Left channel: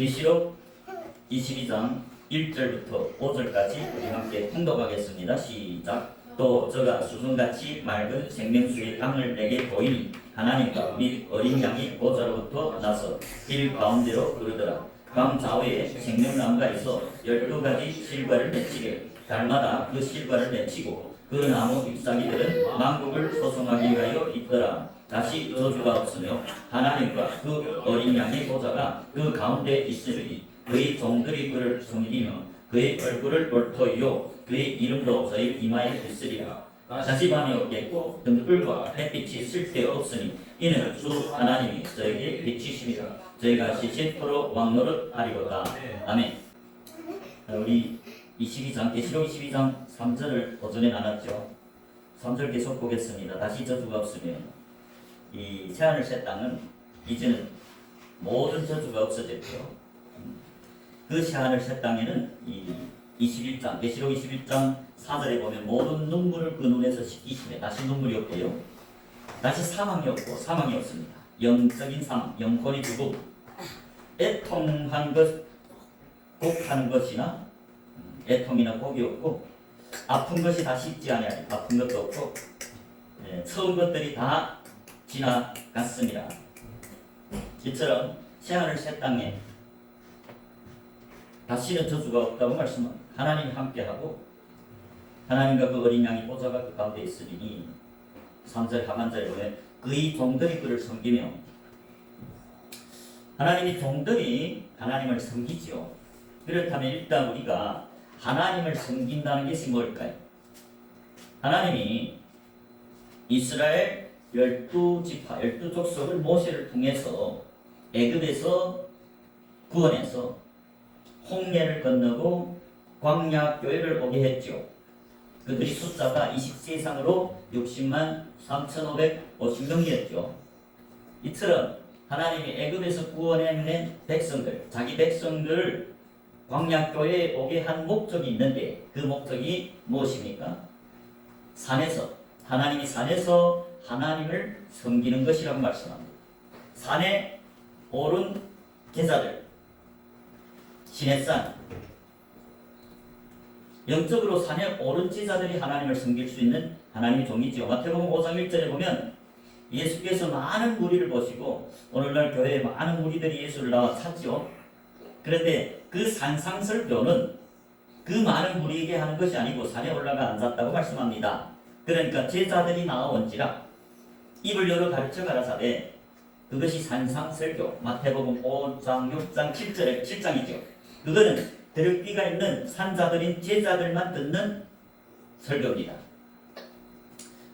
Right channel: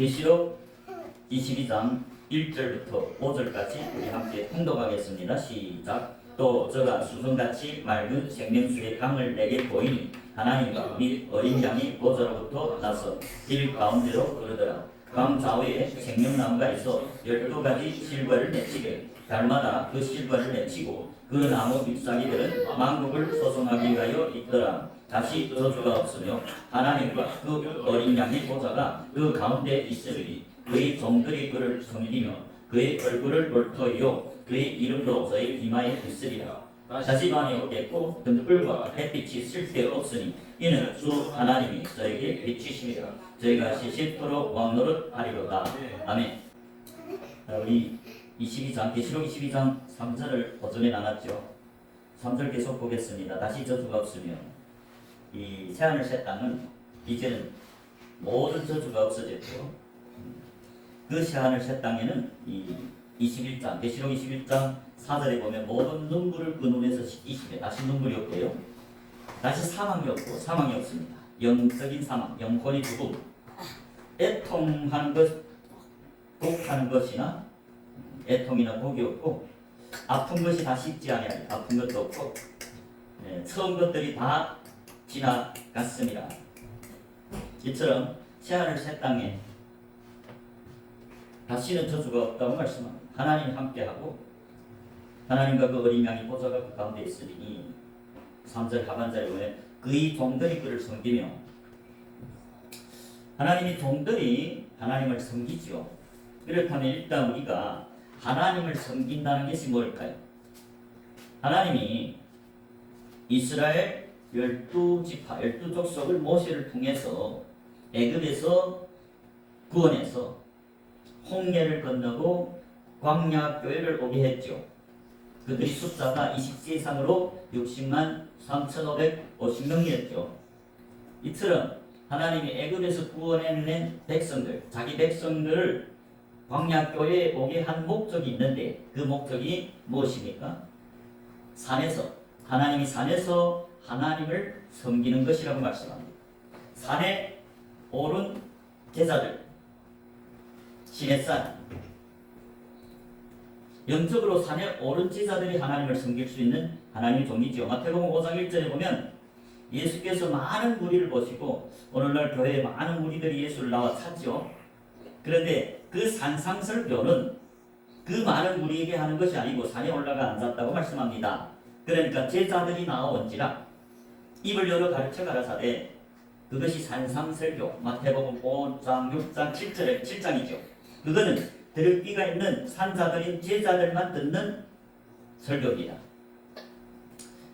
계시록 22장 1절부터 5절까지 함께 통독하겠습니다. 시작. 또 저가 수정같이 맑은 생명수의 강을 내게 보이니 하나님과 및 어린 양이 보좌로부터 나서 길 가운데로 흐르더라. 강 좌우에 생명나무가 있어 12가지 실과를 맺히게 달마다 그 실과를 맺히고 그 나무 잎사귀들은 만국을 소송하기 위하여 있더라. 다시 저주가 없으며 하나님과 그 어린 양의 보좌가 그 가운데 있으니 그의 종들이 그를 섬기며 그의 얼굴을 볼터이요 그의 이름도 저의 이마에 있으리라. 다시 밤이 오겠고 등불과 햇빛이 쓸데없으니 이는 주 하나님이 저에게 비치심이라. 저희가 시시토록 왕노릇 하리로다. 아멘. 우리 22장 계시록 22장 3절을 오전에 나눴죠. 3절 계속 보겠습니다. 다시 저주가 없으며 이 새하늘 새 땅은 이제는 모든 저주가 없어졌죠. 그 새하늘 새 땅에는 이 21장 계시록 21장 4절에 보면 모든 눈물을 그 눈에서 씻기시되 다시 눈물이 없고요. 다시 사망이 없고 사망이 없습니다. 영적인 사망, 영혼이 죽음, 애통하는 것, 곡하는 것이나 애통이나 곡이 없고 아픈 것이 다시 있지 아니하리. 아픈 것도 없고 처음 것들이 다 지나갔습니다. 이처럼 새하늘 새 땅에 다시는 저주가 없다고 말씀합니다. 하나님 함께하고 하나님과 그 어린 양이 보좌가 그 가운데 있으니 3절 하반절에 보면 그의 종들이 그를 섬기며 하나님의 종들이 하나님을 섬기죠. 그렇다면 일단 우리가 하나님을 섬긴다는 것이 뭘까요? 하나님이 이스라엘 12지파, 12족속을 모세를 통해서 애굽에서 구원해서 홍해를 건너고 광야 교회를 오게 했죠. 그들이 숫자가 20세 이상으로 60만 3,550명이었죠. 이처럼 하나님이 애굽에서 구원해낸 백성들, 자기 백성들을 광야 교회에 오게 한 목적이 있는데 그 목적이 무엇입니까? 산에서 하나님이 산에서 하나님을 섬기는 것이라고 말씀합니다. 산에 오른 제자들, 시내산, 영적으로 산에 오른 제자들이 하나님을 섬길 수 있는 하나님의 종이죠. 마태복음 5장 1절에 보면 예수께서 많은 무리를 보시고 오늘날 교회에 많은 무리들이 예수를 나와 찾죠. 그런데 그 산상설교는 그 많은 무리에게 하는 것이 아니고 산에 올라가 앉았다고 말씀합니다. 그러니까 제자들이 나아온지라 입을 열어 가르쳐 가라사대 그것이 산상설교. 마태복음 5장 6장 7장이죠. 그거는 들을 귀가 있는 산자들인 제자들만 듣는 설교입니다.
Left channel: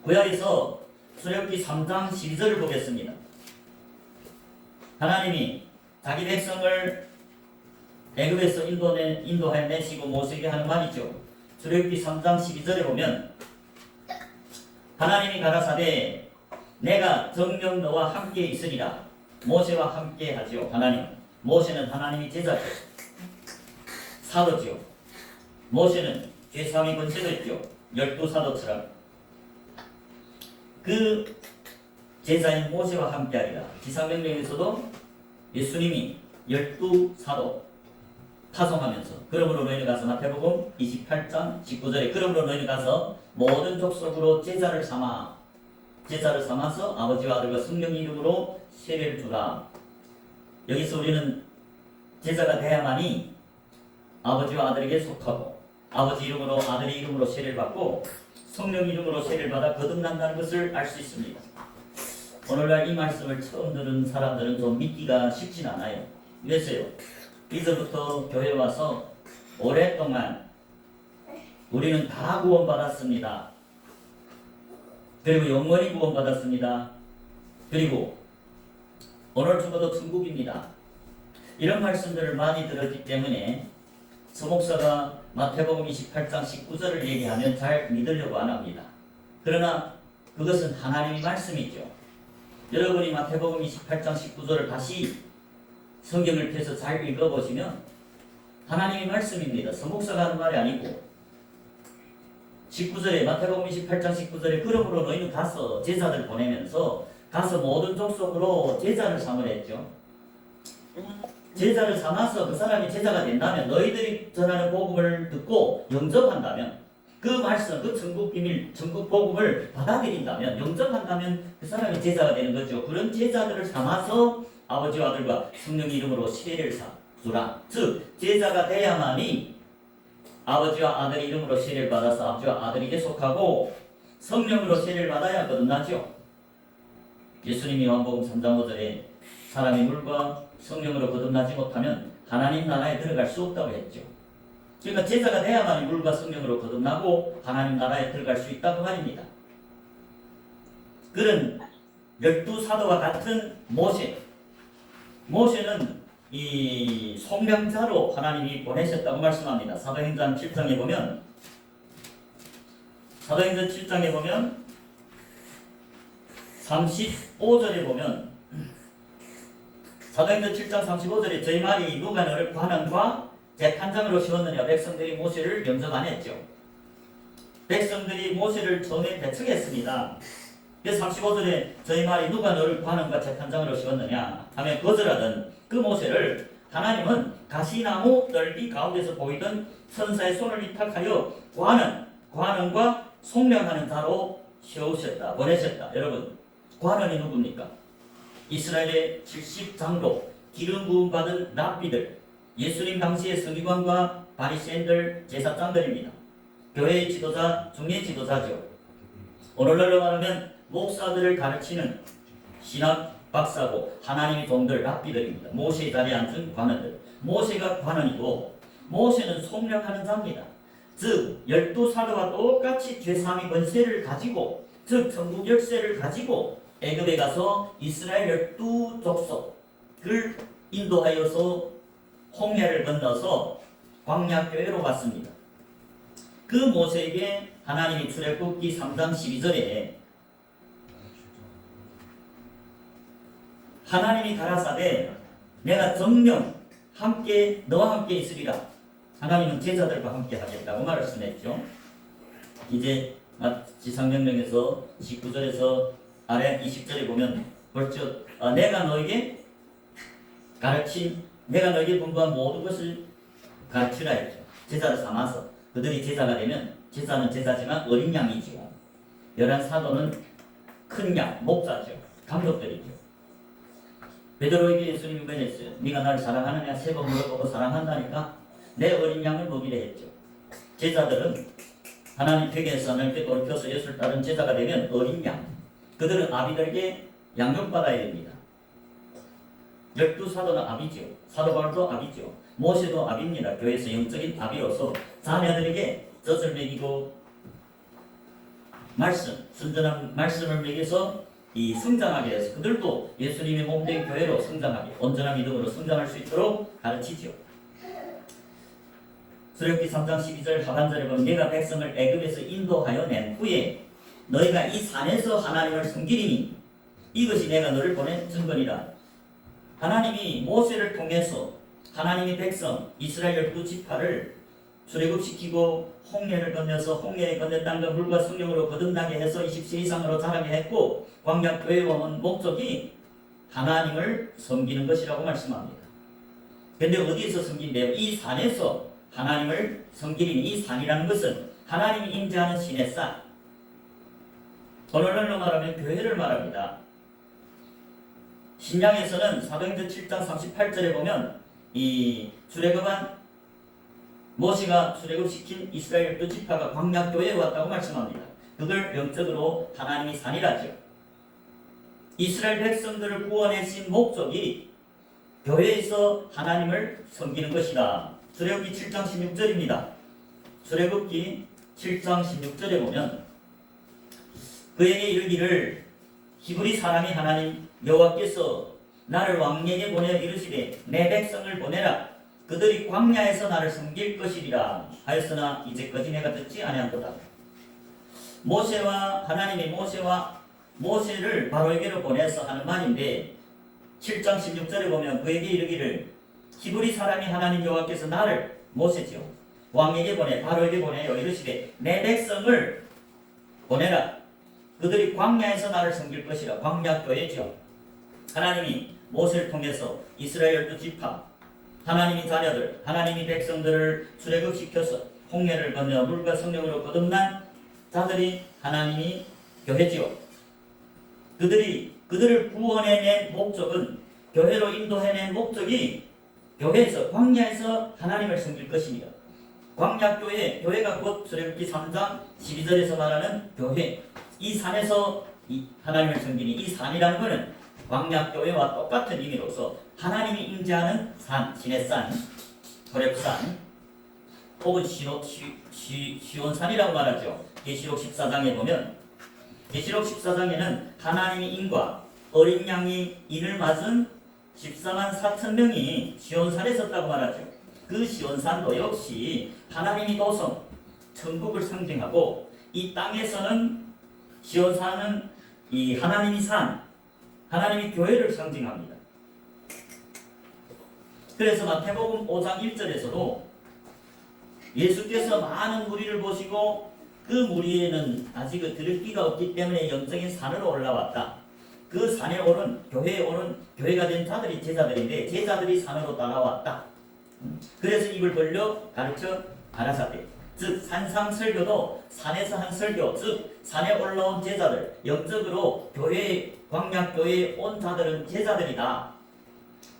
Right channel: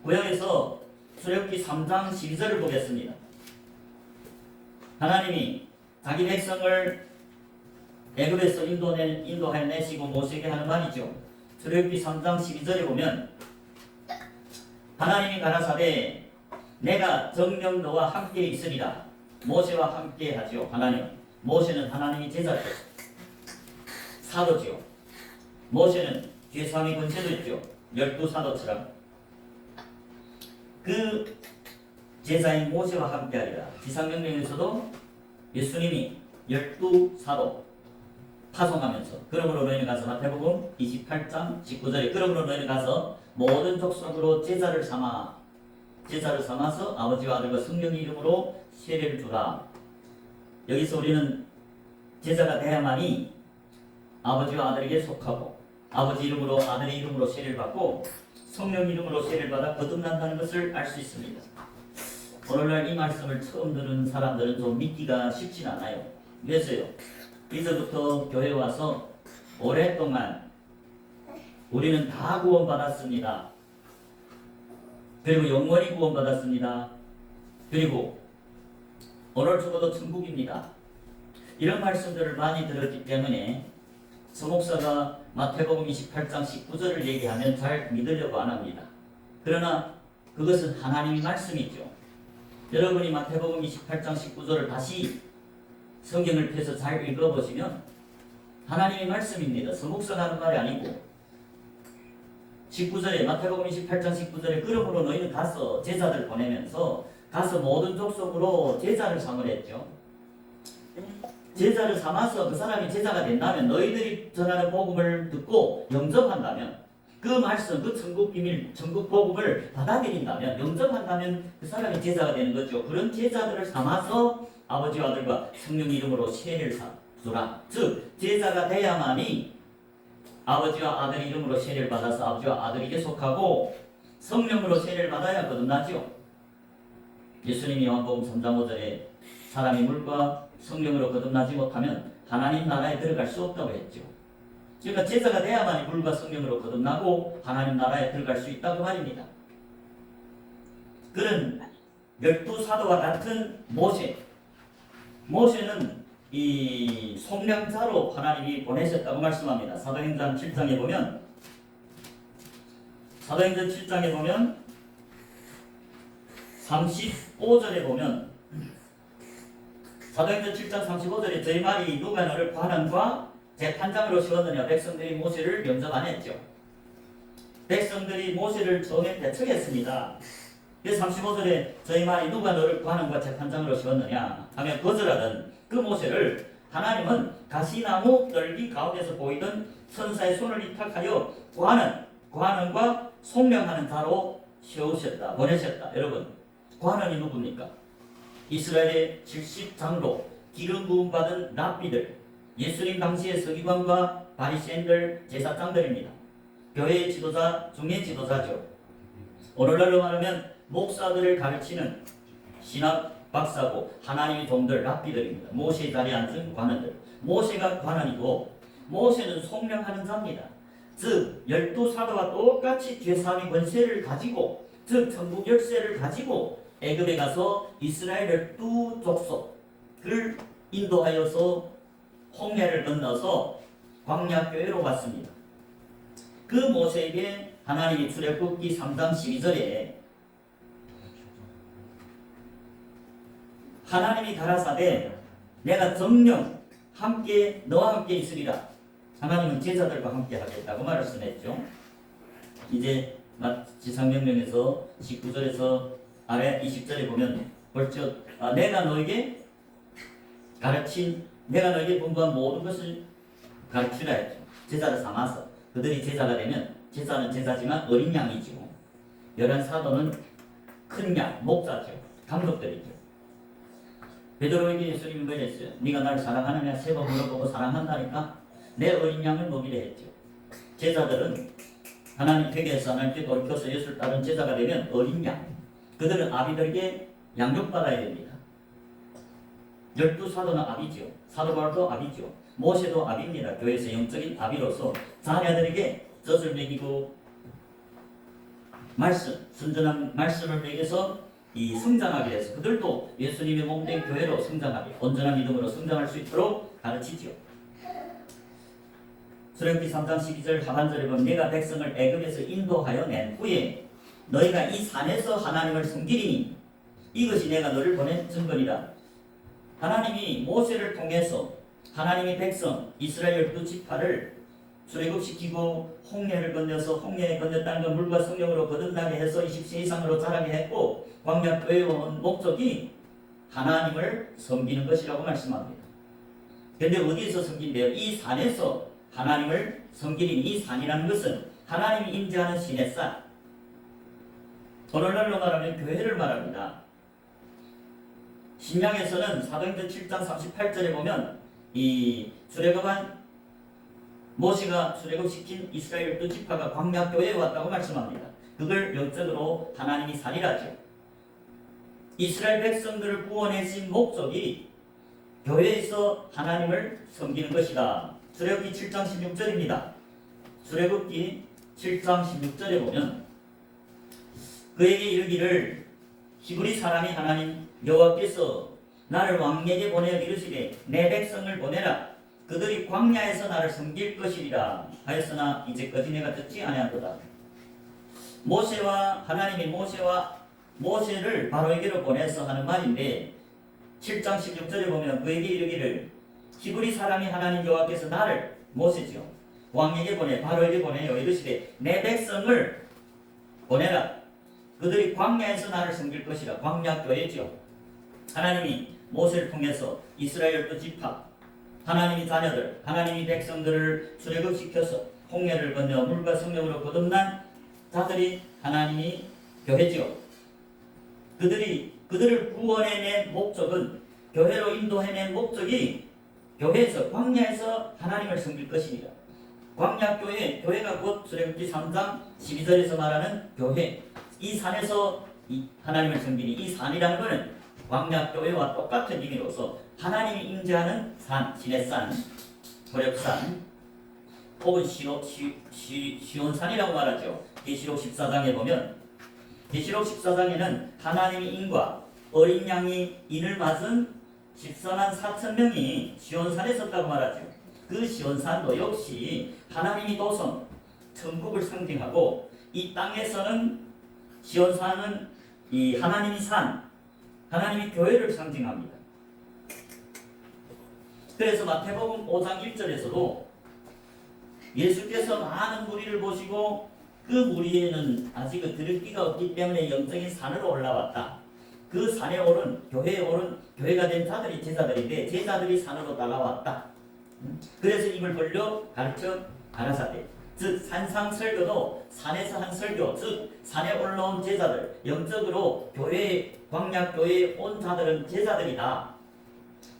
구약에서 출애굽기 3장 12절을 보겠습니다. 하나님이 자기 백성을 애굽에서 인도해내시고 모시게 하는 말이죠. 출애굽기 3장 12절에 보면 하나님이 가라사대 내가 정녕 너와 함께 있으리라. 모세와 함께 하지요. 하나님. 모세는 하나님이 제자죠. 사도지요. 모세는 죄사함의 권세도 있죠. 12사도처럼. 그 제자인 모세와 함께하리라. 지상명령에서도 예수님이 12사도 파송하면서 그러므로 너희는 가서 마태복음 28장 19절에 그러므로 너희는 가서 모든 족속으로 제자를 삼아서 아버지와 아들과 성령의 이름으로 세례를 주라. 여기서 우리는 제자가 돼야만이 아버지와 아들에게 속하고 아버지 이름으로 아들의 이름으로 세례를 받고 성령 이름으로 세례를 받아 거듭난다는 것을 알 수 있습니다. 오늘날 이 말씀을 처음 듣는 사람들은 좀 믿기가 쉽진 않아요. 왜서요? 이제부터 교회 와서 오랫동안 우리는 다 구원받았습니다. 그리고 영원히 구원받았습니다. 그리고 오늘 죽어도 천국입니다. 이런 말씀들을 많이 들었기 때문에 서목사가 마태복음 28장 19절을 얘기하면 잘 믿으려고 안 합니다. 그러나 그것은 하나님의 말씀이죠. 여러분이 마태복음 28장 19절을 다시 성경을 펴서 잘 읽어보시면 하나님의 말씀입니다. 서목사가 하는 말이 아니고 19절에 마태복음 28장 19절에 그러므로 너희는 가서 제자들 보내면서 가서 모든 족속으로 제자를 삼으라 했죠. 제자를 삼아서 그 사람이 제자가 된다면, 너희들이 전하는 복음을 듣고 영접한다면, 그 말씀, 그 천국 비밀, 천국 복음을 받아들인다면, 영접한다면 그 사람이 제자가 되는 거죠. 그런 제자들을 삼아서 아버지와 아들과 성령 이름으로 세례를 주라. 즉 제자가 돼야만이 아버지와 아들 이름으로 세례를 받아서 아버지와 아들에게 속하고 성령으로 세례를 받아야 거듭나죠. 예수님이 요한복음 3장 5절에 사람이 물과 성령으로 거듭나지 못하면 하나님 나라에 들어갈 수 없다고 했죠. 그러니까 제자가 돼야만이 물과 성령으로 거듭나고 하나님 나라에 들어갈 수 있다고 말입니다. 그런 12사도와 같은 모세는 이 속량자로 하나님이 보내셨다고 말씀합니다. 사도행전 7장에 보면 사도행전 7장에 보면 35절에 보면 사도행전 7장 35절에 저희 말이 누가 너를 관원과 재판장으로 세웠느냐. 백성들이 모세를 영접 안 했죠. 백성들이 모세를 처음에 배척했습니다. 그래서 35절에 저희 말이 누가 너를 관원과 재판장으로 세웠느냐 하면 거절하던 그 모세를 하나님은 가시나무 널기 가운데서 보이던 천사의 손을 위탁하여 관원과 속량하는 자로 세우셨다, 보내셨다. 여러분, 관원이 누굽니까? 이스라엘의 70장로, 기름 부음 받은 랍비들, 예수님 당시의 서기관과 바리새인들, 제사장들입니다. 교회의 지도자 중의 지도자죠. 오늘날로 말하면 목사들을 가르치는 신학 박사고 하나님의 종들, 랍비들입니다. 모세의 자리에 앉은 관원들. 모세가 관원이고 모세는 속량하는 자입니다. 즉 12사도와 똑같이 죄사함의 권세를 가지고, 즉 천국 열쇠를 가지고 애굽에 가서 이스라엘 12족속을 인도하여서 홍해를 건너서 광야교회로 갔습니다. 그 모세에게 하나님이 출애굽기 3장 12절에 하나님이 가라사대 내가 정령 함께 너와 함께 있으리라. 하나님은 제자들과 함께 하겠다고 말씀했죠. 이제 지상명령에서 19절에서 아래 20절에 보면 벌써 내가 너에게 분부한 모든 것을 가르치라 했죠. 제자를 삼아서 그들이 제자가 되면, 제자는 제자지만 어린 양이죠. 11사도는 큰 양, 목자죠. 감독들이죠. 베드로에게 예수님이 뭐랬어요? 네가 나를 사랑하느냐? 3번 물어보고 사랑한다니까 내 어린 양을 먹이려 했죠. 제자들은 하나님 댁에서 하나님께 돌이켜서 예수를 따른 제자가 되면 어린 양, 그들은 아비들에게 양육받아야 됩니다. 12사도는 아비죠. 사도 바울도 아비죠. 모세도 아비입니다. 교회에서 영적인 아비로서 자녀들에게 젖을 먹이고 순전한 말씀을 먹여서 성장하게 해서 그들도 예수님의 몸된 교회로 성장하게, 온전한 믿음으로 성장할 수 있도록 가르치죠. 출애굽기 3장 12절 하반절에 보면 내가 백성을 애굽에서 인도하여 낸 후에 너희가 이 산에서 하나님을 섬기리니 이것이 내가 너를 보낸 증거리라. 하나님이 모세를 통해서 하나님의 백성 이스라엘 12지파를 출애굽시키고 홍해를 건너서 홍해에 건넜다는 건 물과 성령으로 거듭나게 해서 20세 이상으로 자라게 했고 광야교회에 온 목적이 하나님을 섬기는 것이라고 말씀합니다. 그런데 어디에서 섬긴대요? 이 산에서 하나님을 섬기는 이 산이라는 것은 하나님이 임재하는 시내산, 오늘날로 말하면 교회를 말합니다. 신약에서는 사도행전 7장 38절에 보면 이 출애굽한 모세가 출애굽시킨 이스라엘 12지파가 광야교회에 왔다고 말씀합니다. 그걸 영적으로 하나님이 산이라죠. 이스라엘 백성들을 구원하신 목적이 교회에서 하나님을 섬기는 것이다. 출애굽기 7장 16절입니다. 출애굽기 7장 16절에 보면 그에게 이르기를 히브리 사람이 하나님 여호와께서 나를 왕에게 보내어 이르시되 내 백성을 보내라. 그들이 광야에서 나를 섬길 것이리라 하였으나 이제까지 내가 듣지 아니하도다. 하나님이 모세를 바로에게로 보내서 하는 말인데 7장 16절에 보면 그에게 이르기를 히브리 사람이 하나님 여호와께서 나를, 모세죠, 왕에게 바로에게 보내어 이르시되 내 백성을 보내라. 그들이 광야에서 나를 섬길 것이라. 광야교회죠. 하나님이 모세를 통해서 이스라엘 12지파 하나님이 자녀들, 하나님이 백성들을 출애굽시켜서 홍해를 건너 물과 성령으로 거듭난 자들이 하나님이 교회지요. 그들을 구원해낸 목적은, 교회로 인도해낸 목적이 교회에서, 광야에서 하나님을 섬길 것이니라. 광야교회, 교회가 곧 출애굽기 3장 12절에서 말하는 교회, 이 산에서 이 하나님을 섬기니, 이 산이라는 것은 광야교회와 똑같은 의미로서 하나님이 임재하는 산, 시내산, 호렙산, 혹은 시온산이라고 말하죠. 계시록 14장에 보면, 계시록 14장에는 하나님이 인과 어린 양이 인을 맞은 14만 4천 명이 시온산에 섰다고 말하죠. 그 시온산도 역시 하나님이 도성, 천국을 상징하고, 이 땅에서는 시온산은 이 하나님이 산, 하나님이 교회를 상징합니다. 그래서 마태복음 5장 1절에서도 예수께서 많은 무리를 보시고 그 무리에는 아직 들을 기가 없기 때문에 영적인 산으로 올라왔다. 그 산에 오른, 교회에 오른, 교회가 된 자들이 제자들인데 제자들이 산으로 따라왔다. 그래서 입을 벌려 가르쳐 가라사대. 즉 산상 설교도 산에서 한 설교, 즉 산에 올라온 제자들, 영적으로 교회, 광야교회에 온 자들은 제자들이다.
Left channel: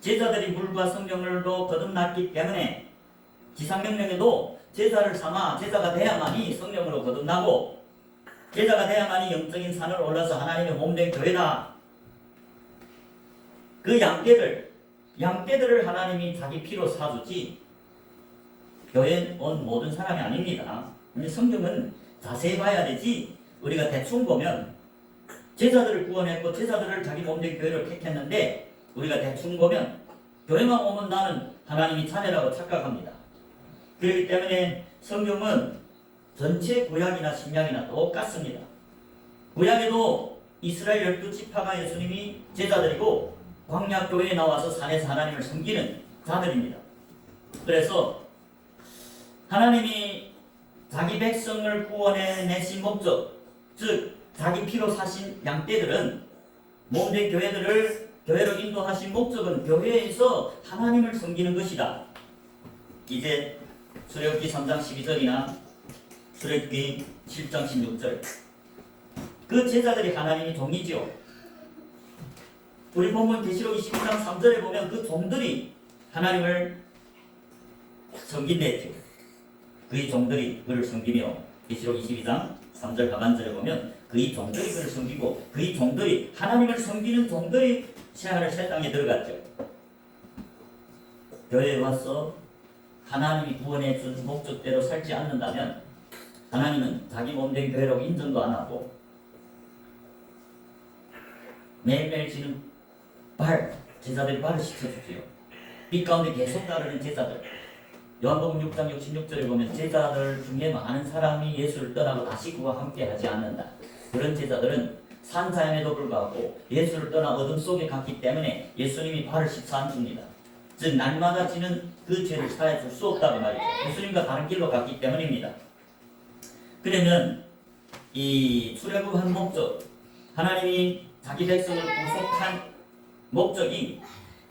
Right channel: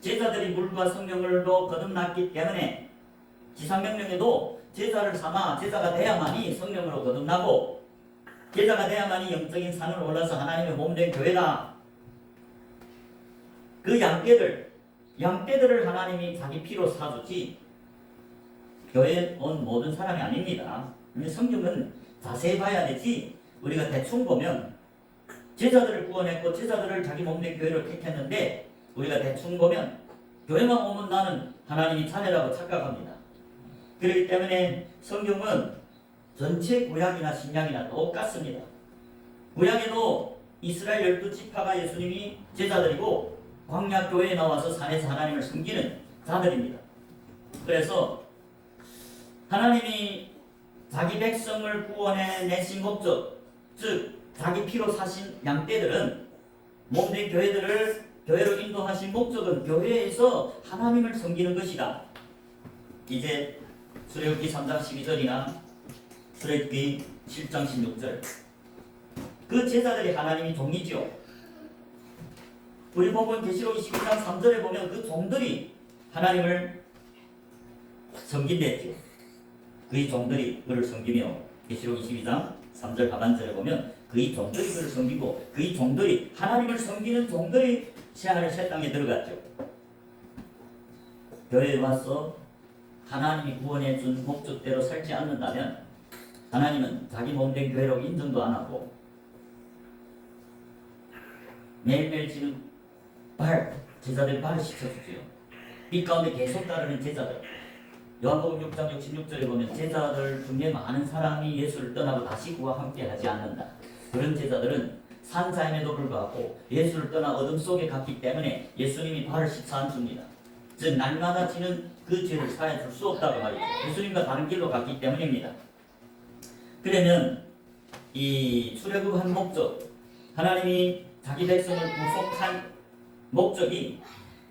제자들이 물과 성령으로 거듭났기 때문에 지상명령에도 제자를 삼아 제자가 돼야만이 성령으로 거듭나고, 제자가 돼야만이 영적인 산을 올라서 하나님의 몸된 교회다. 그 양떼들을 하나님이 자기 피로 사주지 교회에 온 모든 사람이 아닙니다. 성경은 자세히 봐야 되지, 우리가 대충 보면 제자들을 구원했고 제자들을 자기 몸된 교회를 택했는데, 우리가 대충 보면 교회만 오면 나는 하나님이 차례라고 착각합니다. 그렇기 때문에 성경은 전체 구약이나 신약이나 똑같습니다. 구약에도 이스라엘 12지파가 예수님이 제자들이고, 광야교회에 나와서 산에서 하나님을 섬기는 자들입니다. 그래서 하나님이 자기 백성을 구원해내신 목적, 즉 자기 피로 사신 양떼들은, 몸된 교회로 인도하신 목적은 교회에서 하나님을 섬기는 것이다. 이제 출애굽기 3장 12절이나 출애굽기 7장 16절, 그 제자들이 하나님이 종이지요. 우리 본문 계시록 22장 3절에 보면 그 종들이 하나님을 섬긴댔죠. 그의 종들이 그를 섬기며, 계시록 22장 3절 하반절에 보면 그의 종들이 그를 섬기고, 그의 종들이, 하나님을 섬기는 종들이 새하늘 새 땅에 들어갔죠. 교회에 와서 하나님이 구원해 준 목적대로 살지 않는다면 하나님은 자기 몸된 교회로 인정도 안 하고, 매일매일 지는 제자들 발을 씻어주지요. 빛 가운데 계속 따르는 제자들. 요한복음 6장 66절에 보면 제자들 중에 많은 사람이 예수를 떠나고 다시 그와 함께 하지 않는다. 그런 제자들은 산자임에도 불구하고 예수를 떠나 어둠 속에 갔기 때문에 예수님이 발을 씻어 안 줍니다. 즉 날마다 지는 그 죄를 사해줄 수 없다고 말이죠. 예수님과 다른 길로 갔기 때문입니다. 그러면 이 출애굽한 목적, 하나님이 자기 백성을 구속한 목적이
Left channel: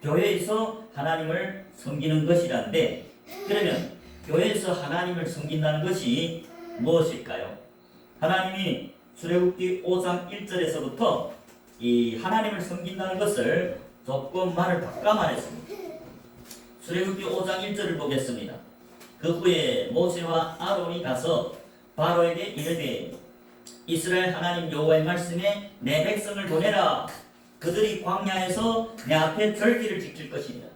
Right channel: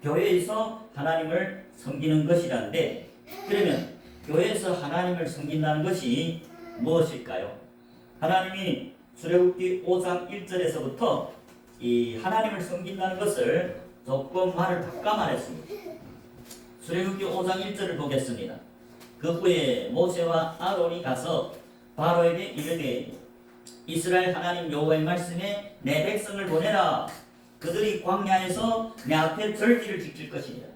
교회에서 하나님을 섬기는 것이라는데, 그러면 교회에서 하나님을 섬긴다는 것이 무엇일까요? 하나님이 출애굽기 5장 1절에서부터 이 하나님을 섬긴다는 것을 조금 말을 바꿔 말했습니다. 출애굽기 5장 1절을 보겠습니다. 그 후에 모세와 아론이 가서 바로에게 이르되, 이스라엘 하나님 여호와의 말씀에 내 백성을 보내라. 그들이 광야에서 내 앞에 절기를 지킬 것입니다.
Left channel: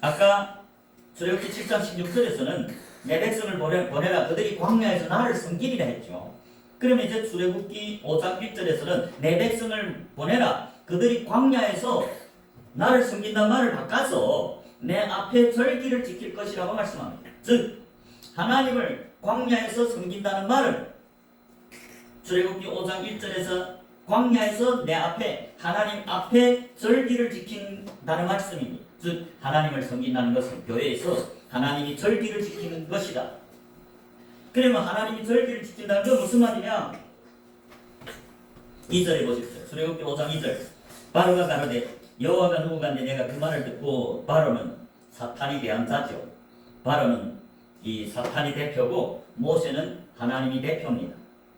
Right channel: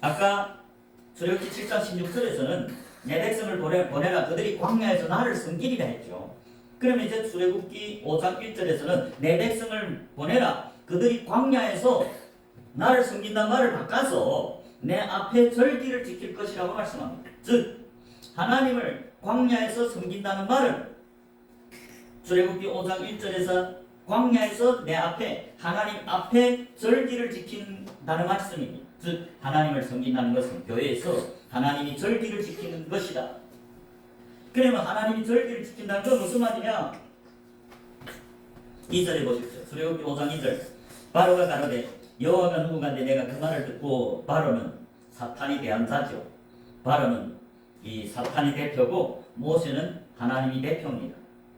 아까 출애굽기 7장 16절에서는 내 백성을 보내라. 그들이 광야에서 나를 섬기리라 했죠. 그러면 이제 출애굽기 5장 1절에서는 내 백성을 보내라. 그들이 광야에서 나를 섬긴다는 말을 바꿔서 내 앞에 절기를 지킬 것이라고 말씀합니다. 즉 하나님을 광야에서 섬긴다는 말은 출애굽기 5장 1절에서 광야에서 내 앞에, 하나님 앞에 절기를 지킨다는 말씀입니다. 즉 하나님을 섬긴다는 것은 교회에서 하나님이 절기를 지키는 것이다. 그러면 하나님이 절기를 지킨다는 건 무슨 말이냐? 2절에 보십시오. 출애굽기 5장 2절. 바로가 가로되, 여호와가 누구간데 내가 그 말을 듣고 바로는 사탄이 대한 자죠. 바로는 이 사탄이 대표고 모세는 하나님이 대표입니다.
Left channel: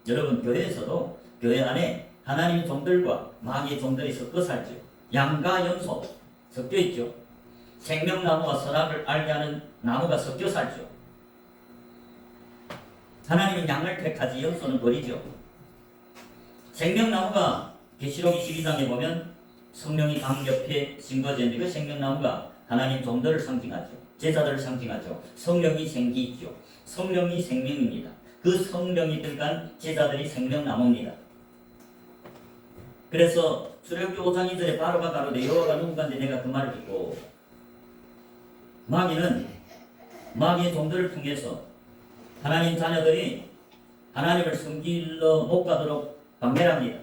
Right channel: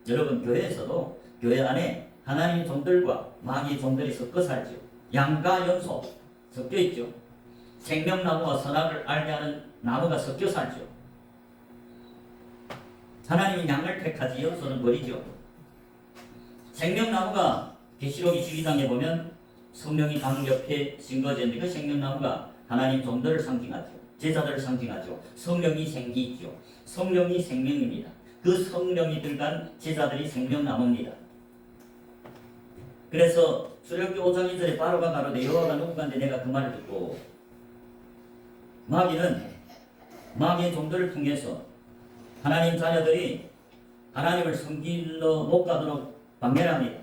여러분 교회에서도 교회 안에 하나님의 종들과 마귀의 종들이 섞어 살죠. 양과 염소 섞여 있죠. 생명나무와 선악을 알게 하는 나무가 섞여 살죠. 하나님은 양을 택하지 염소는 버리죠. 생명나무가 계시록 22장에 보면 성령이 강 옆에 심겨졌는데 그 생명나무가 하나님 종들을 상징하죠. 제자들을 상징하죠. 성령이 생기죠. 성령이 생명입니다. 그 성령이 들어간 제자들이 생명나무입니다. 그래서 출애굽기 5장 2절에 바로가 가로되 여호와가 누구간데 내가 그 말을 듣고 마귀는 마귀의 종들을 통해서 하나님 자녀들이 하나님을 섬기러 못 가도록 방해를 합니다.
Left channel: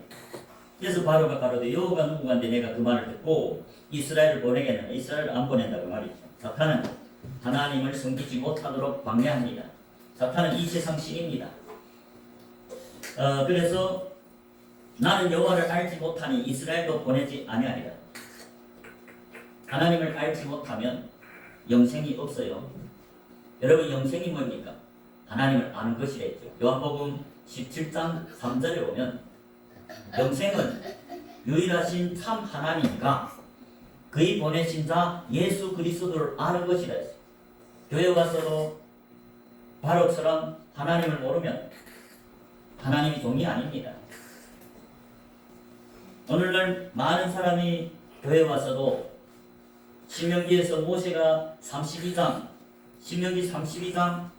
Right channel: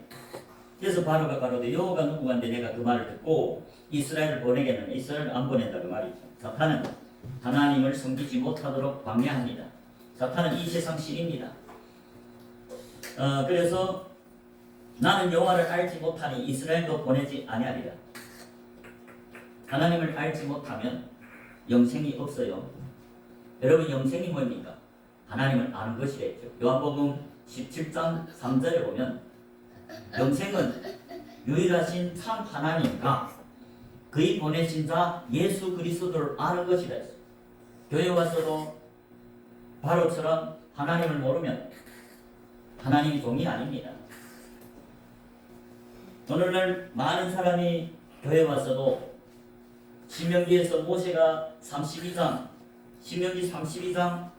그래서 바로가 가로되 여호와가 누구간데 내가 그 말을 듣고 이스라엘을 보내겠는가. 이스라엘을 안 보낸다고 말이죠. 사탄은 하나님을 섬기지 못하도록 방해합니다. 사탄은 이 세상 신입니다. 그래서 나는 여호와를 알지 못하니 이스라엘도 보내지 아니하리라. 하나님을 알지 못하면 영생이 없어요. 여러분 영생이 뭡니까? 하나님을 아는 것이랬죠. 요한복음 17장 3절에 보면 영생은 유일하신 참 하나님과 그의 보내신 자 예수 그리스도를 아는 것이라 했어요. 교회 와서도 바로처럼 하나님을 모르면 하나님이 종이 아닙니다. 오늘날 많은 사람이 교회 와서도 신명기에서 모세가 32장 신명기 32장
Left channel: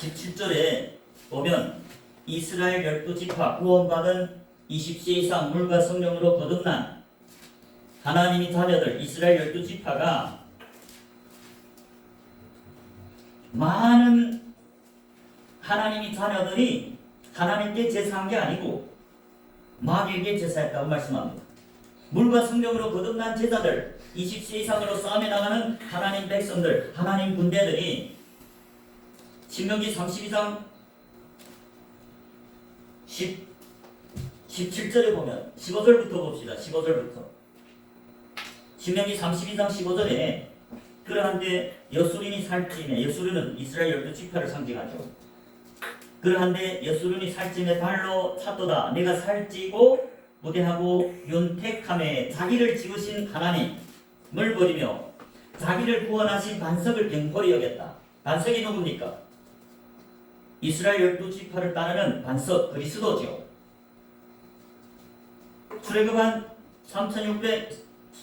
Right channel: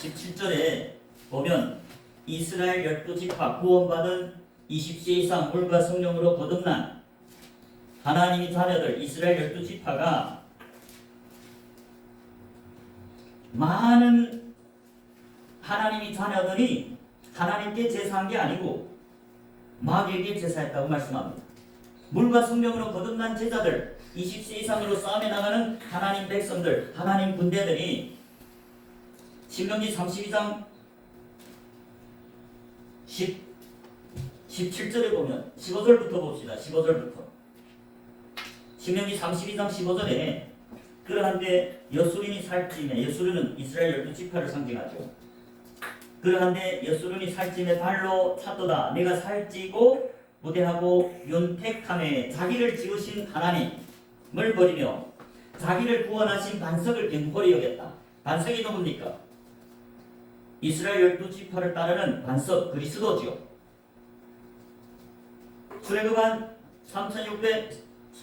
17절에 보면 이스라엘 12지파 구원받은 20세 이상 물과 성령으로 거듭난 하나님의 자녀들 이스라엘 12지파가 많은 하나님의 자녀들이 하나님께 제사한 게 아니고 마귀에게 제사했다고 말씀합니다. 물과 성령으로 거듭난 제자들 20세 이상으로 싸움에 나가는 하나님 백성들 하나님 군대들이 신명기 32장 17절에 보면 15절부터 봅시다. 15절부터 신명기 32장 15절에 그러한데 여수린이 살찌네. 여수린은 이스라엘 12지파를 상징하죠. 그러한데 여수린이 살찌네 발로 찼도다. 내가 살찌고 부대하고 윤택함에 자기를 지으신 하나님을 버리며 자기를 구원하신 반석을 경홀히 여겼다. 반석이 누굽니까? 이스라엘 12지파를 따르는 반석 그리스도죠. 출애굽한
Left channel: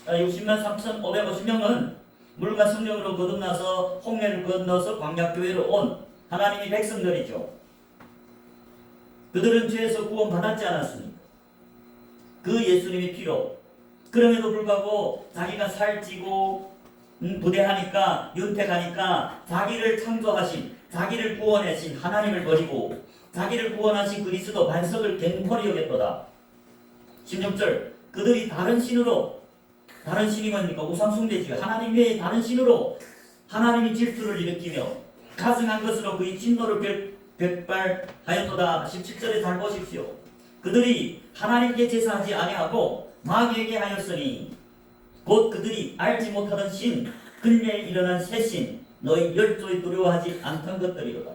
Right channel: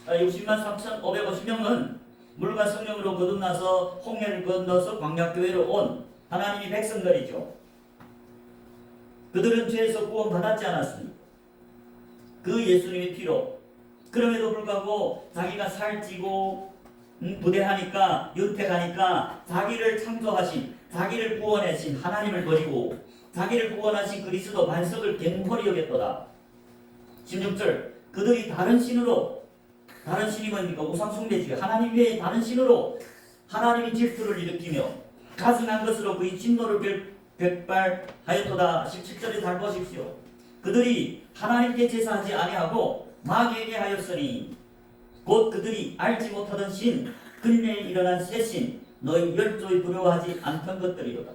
60만 3,550명은 물과 성령으로 거듭나서 홍해를 건너서 광야교회로 온 하나님의 백성들이죠. 그들은 죄에서 구원받았지 않았습니까? 그 예수님의 피로. 그럼에도 불구하고 자기가 살찌고 부대하니까 윤택하니까 자기를 창조하신 자기를 구원하신 하나님을 버리고 자기를 구원하신 그리스도 반석을 갱홀히 여겼도다. 16절 그들이 다른 신으로 다른 신이 뭡니까? 우상숭배지. 하나님 외에 다른 신으로 하나님의 질투를 일으키며 가증한 것으로 그의 진노를 격발하였도다. 17절에 잘 보십시오. 그들이 하나님께 제사하지 아니하고 마귀에게 하였으니 곧 그들이 알지 못하던 신 근래에 일어난 새 신 너희 열조에 두려워하지 않던 것들이로다.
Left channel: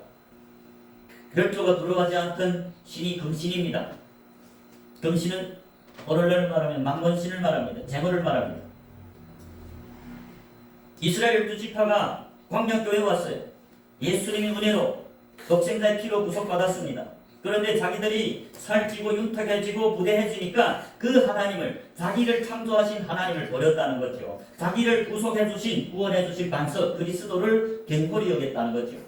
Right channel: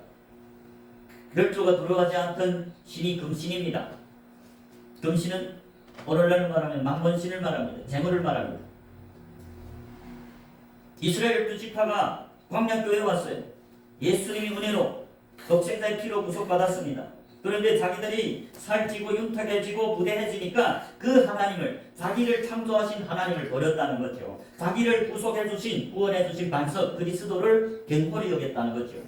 열조가 두려워하지 않던 신이 금신입니다. 금신은 오늘날로 말하면 망건신을 말합니다. 재물을 말합니다. 이스라엘 12지파가 광야교회에 왔어요. 예수님의 은혜로 독생자의 피로 구속받았습니다. 그런데 자기들이 살찌고 윤택해지고 부대해지니까 그 하나님을 자기를 창조하신 하나님을 버렸다는 거죠. 자기를 구속해주신 구원해주신 반석 그리스도를 갱홀히 여겼다는 거죠.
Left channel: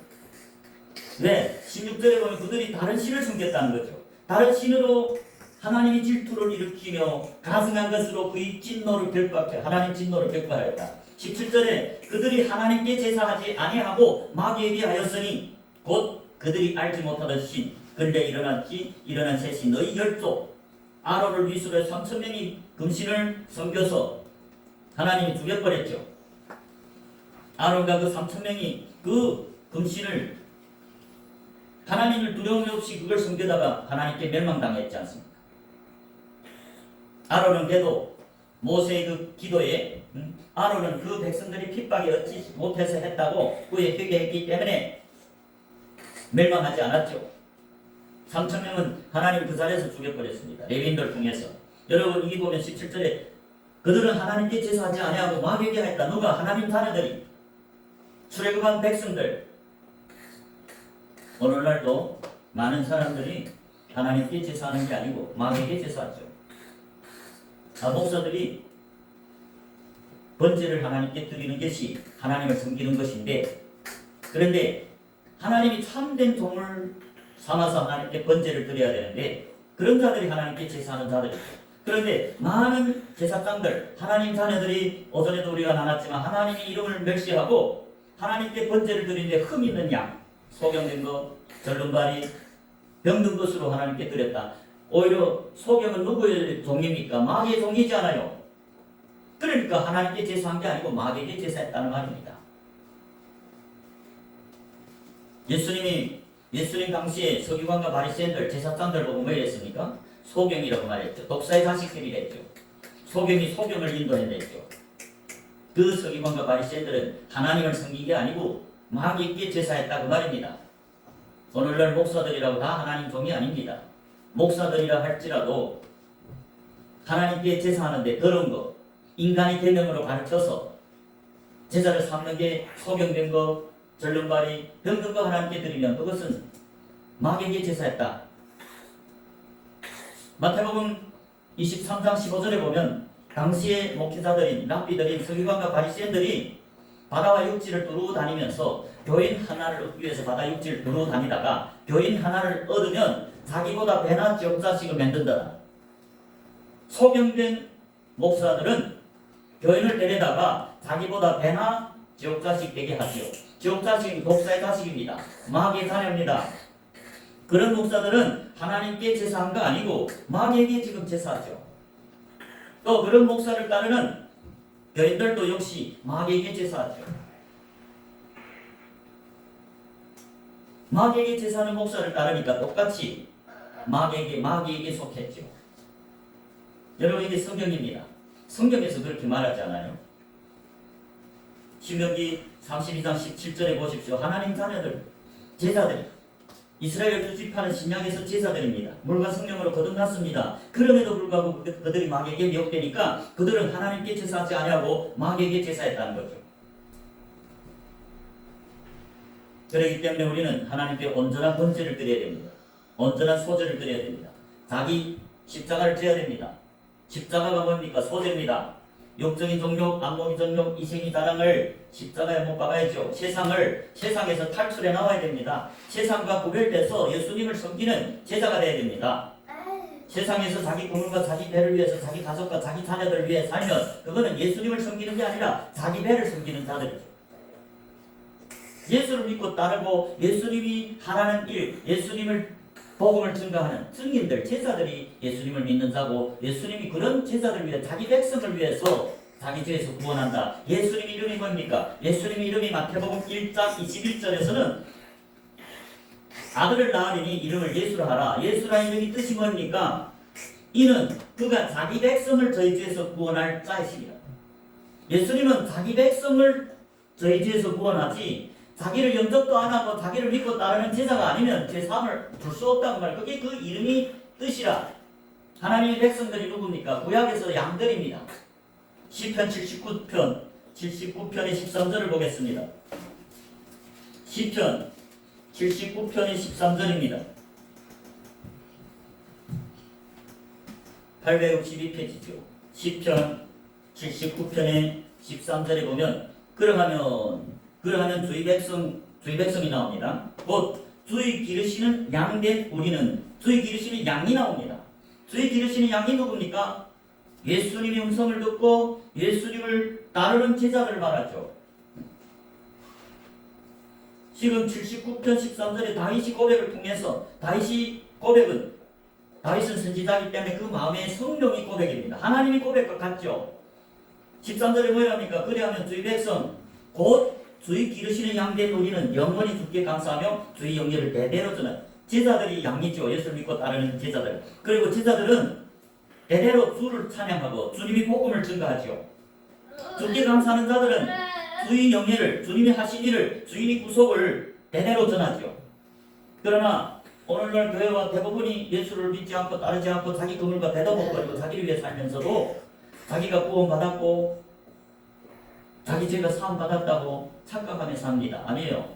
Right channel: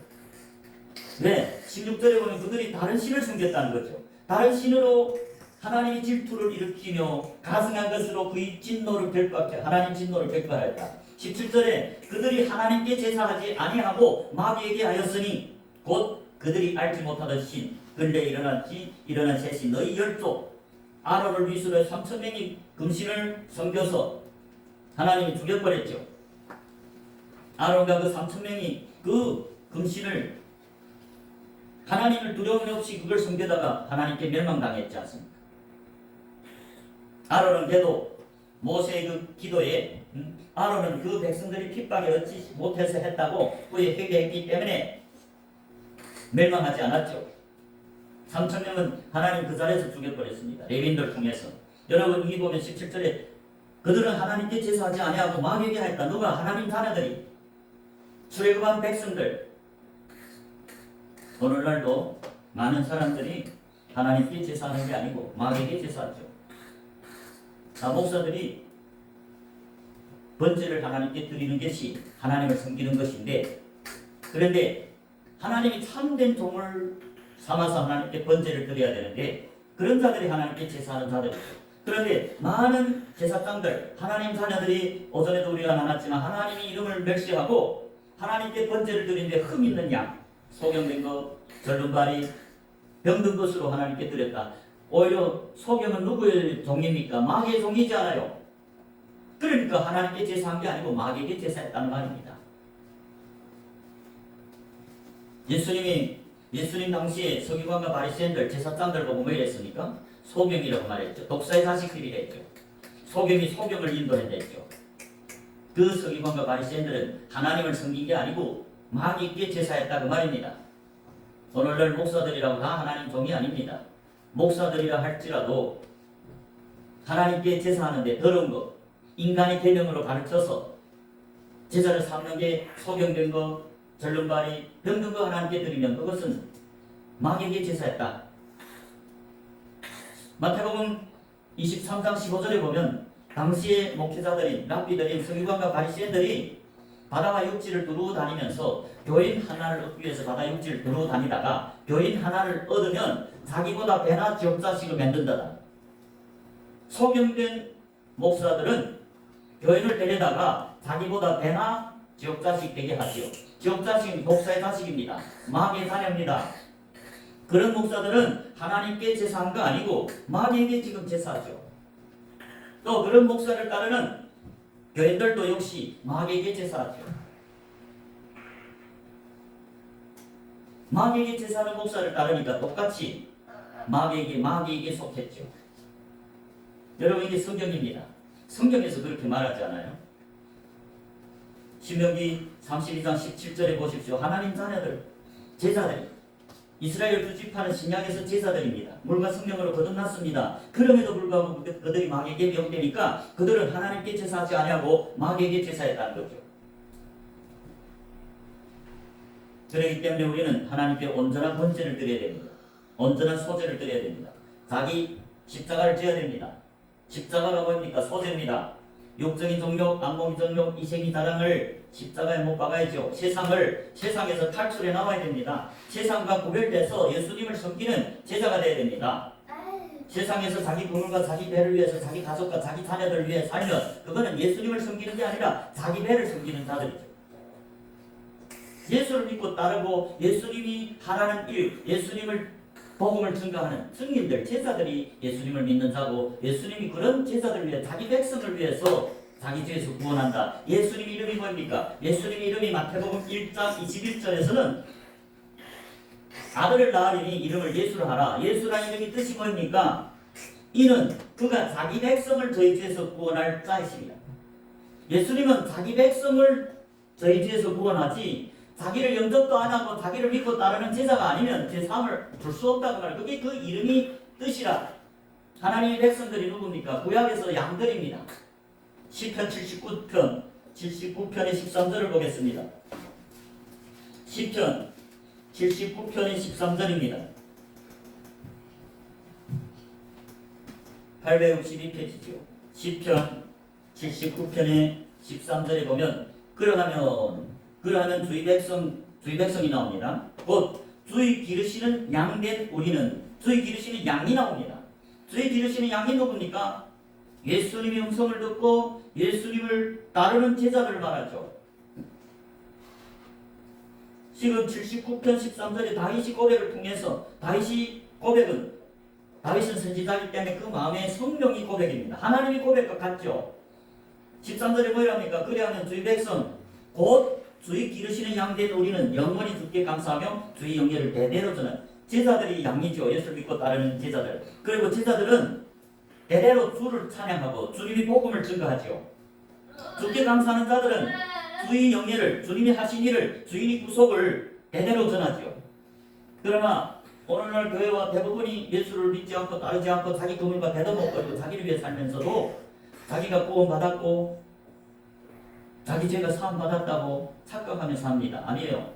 네, 16절에 보면 그들이 다른 신을 섬겼다는 거죠. 다른 신으로 하나님의 질투를 일으키며 가증한 것으로 그의 진노를 결박해 하나님 진노를 결박하였다. 17절에 그들이 하나님께 제사하지 아니하고 마귀에게 하였으니 곧 그들이 알지 못하던 신 근래 일어난 새 신 너희 열조 아론을 위수로 3,000명이 금신을 섬겨서 하나님이 죽여버렸죠. 아론과 그 3,000명이 그 금신을 하나님을 두려움 없이 그걸 섬기다가 하나님께 멸망당했지 않습니까? 아론은 그래도 모세의 그 기도에 아론은 그 백성들이 핍박에 얻지 못해서 했다고 후에 회개했기 때문에 멸망하지 않았죠. 3,000명은 하나님 그 자리에서 죽여버렸습니다. 레위인들 통해서. 여러분 여기 보면 17절에 그들은 하나님께 제사하지 아니하고 마귀에게 하였다. 누가? 하나님 자녀들이. 출애굽한 백성들. 오늘날도 많은 사람들이 하나님께 제사하는 게 아니고 마귀에게 제사하죠. 목사들이 번제를 하나님께 드리는 것이 하나님을 섬기는 것인데, 그런데 하나님이 참된 종을 삼아서 하나님께 번제를 드려야 되는데 그런 자들이 하나님께 제사하는 자들이죠. 그런데 많은 제사장들, 하나님 자녀들이 오전에도 우리가 나눴지만 하나님의 이름을 멸시하고 하나님께 번제를 드리는데 흠 있는 양, 소경된 것, 절름발이, 병든 것으로 하나님께 드렸다. 오히려 소경은 누구의 종입니까? 마귀의 종이지 않아요. 그러니까 하나님께 제사한 게 아니고 마귀에게 제사했다는 말입니다. 예수님 당시에 서기관과 바리새인들, 제사장들 보고 뭐 이랬습니까? 소경이라고 말했죠. 독사의 자식들이랬죠. 소경이 소경을 인도했댔죠. 그 서기관과 바리새인들은 하나님을 섬긴 게 아니고 마귀에게 제사했다 그 말입니다. 오늘날 목사들이라고 다 하나님 종이 아닙니다. 목사들이라 할지라도 하나님께 제사하는데 더러운 것, 인간의 계명으로 가르쳐서 제사를 삼는 게 소경된 것, 절름발이, 병든 거 하나님께 드리면 그것은 마귀에게 제사했다. 마태복음 23장 15절에 보면 당시의 목회자들인 랍비들인 서기관과 바리새인들이 바다와 육지를 두루 다니면서 교인 하나를 얻기 위해서 바다 육지를 두루 다니다가 교인 하나를 얻으면 자기보다 배나 지옥자식을 만든다. 소경된 목사들은 교인을 데려다가 자기보다 배나 지옥자식 되게 하죠. 지옥자식은 독사의 자식입니다. 마귀의 자녀입니다. 그런 목사들은 하나님께 제사한 거 아니고 마귀에게 지금 제사하죠. 또 그런 목사를 따르는 교인들도 역시 마귀에게 제사하죠. 마귀에게 제사하는 목사를 따르니까 똑같이 마귀에게 속했죠. 여러분 이게 성경입니다. 성경에서 그렇게 말하지 않아요? 신명기 32장 17절에 보십시오. 하나님 자녀들, 제사들, 이스라엘 두 지파는 신약에서 제사들입니다. 물과 성령으로 거듭났습니다. 그럼에도 불구하고 그들이 마귀에게 미혹되니까 그들은 하나님께 제사하지 아니하고 마귀에게 제사했다는 거죠. 그렇기 때문에 우리는 하나님께 온전한 번제를 드려야 됩니다. 온전한 소제를 드려야 됩니다. 자기 십자가를 져야 됩니다. 십자가가 뭡니까? 소제입니다. 육적인 정욕, 안목의 정욕, 이생의 자랑을 십자가에 못 박아야죠. 세상에서 탈출해 나와야 됩니다. 세상과 구별돼서 예수님을 섬기는 제자가 되어야 됩니다. 세상에서 자기 국물과 자기 배를 위해서 자기 가족과 자기 자녀들을 위해 살면 그거는 예수님을 섬기는 게 아니라 자기 배를 섬기는 자들이죠. 예수를 믿고 따르고 예수님이 하라는 일, 예수님을 복음을 증거하는 증인들, 제자들이 예수님을 믿는 자고 예수님이 그런 제자들을 위해 자기 백성을 위해서 자기 죄에서 구원한다. 예수님 이름이 뭡니까? 예수님 이름이 마태복음 1장 21절에서는 아들을 낳으리니 이름을 예수라 하라. 예수라는 이름이 뜻이 뭡니까? 이는 그가 자기 백성을 저희 죄에서 구원할 자이십니다. 예수님은 자기 백성을 저희 죄에서 구원하지 자기를 영접도 안 하고 자기를 믿고 따르는 제자가 아니면 제 삶을 줄 수 없다고 말해요. 그게 그 이름이 뜻이라. 하나님의 백성들이 누굽니까? 구약에서 양들입니다. 시편 79편의 13절을 보겠습니다. 시편 79편의 13절입니다. 862페이지죠. 시편 79편의 13절에 보면 그러하면 주의 백성이 나옵니다. 곧 주의 기르시는 양된 우리는 주의 기르시는 양이 나옵니다. 주의 기르시는 양이 누굽니까? 예수님의 음성을 듣고 예수님을 따르는 제자들을 말하죠. 지금 79편 13절에 다윗이 고백을 통해서 다윗은 선지자이기 때문에 그 마음에 성령이 고백입니다. 하나님이 고백과 같죠. 13절에 뭐랍니까? 그리하면 주의 백성 곧 주의 기르시는 양된 우리는 영원히 주께 감사하며 주의 영예를 대대로 전하는 제자들이 양이죠. 예수를 믿고 따르는 제자들. 그리고 제자들은 대대로 주를 찬양하고 주님이 복음을 증거하죠. 주께 감사하는 자들은 주의 영예를, 주님이 하신 일을, 주인의 구속을 대대로 전하죠. 그러나 오늘날 교회와 대부분이 예수를 믿지 않고 따르지 않고 자기 그물과 대답먹거리고 자기를 위해 살면서도 자기가 구원받았고 자기 죄가 사함받았다고 착각하며 삽니다. 아니에요.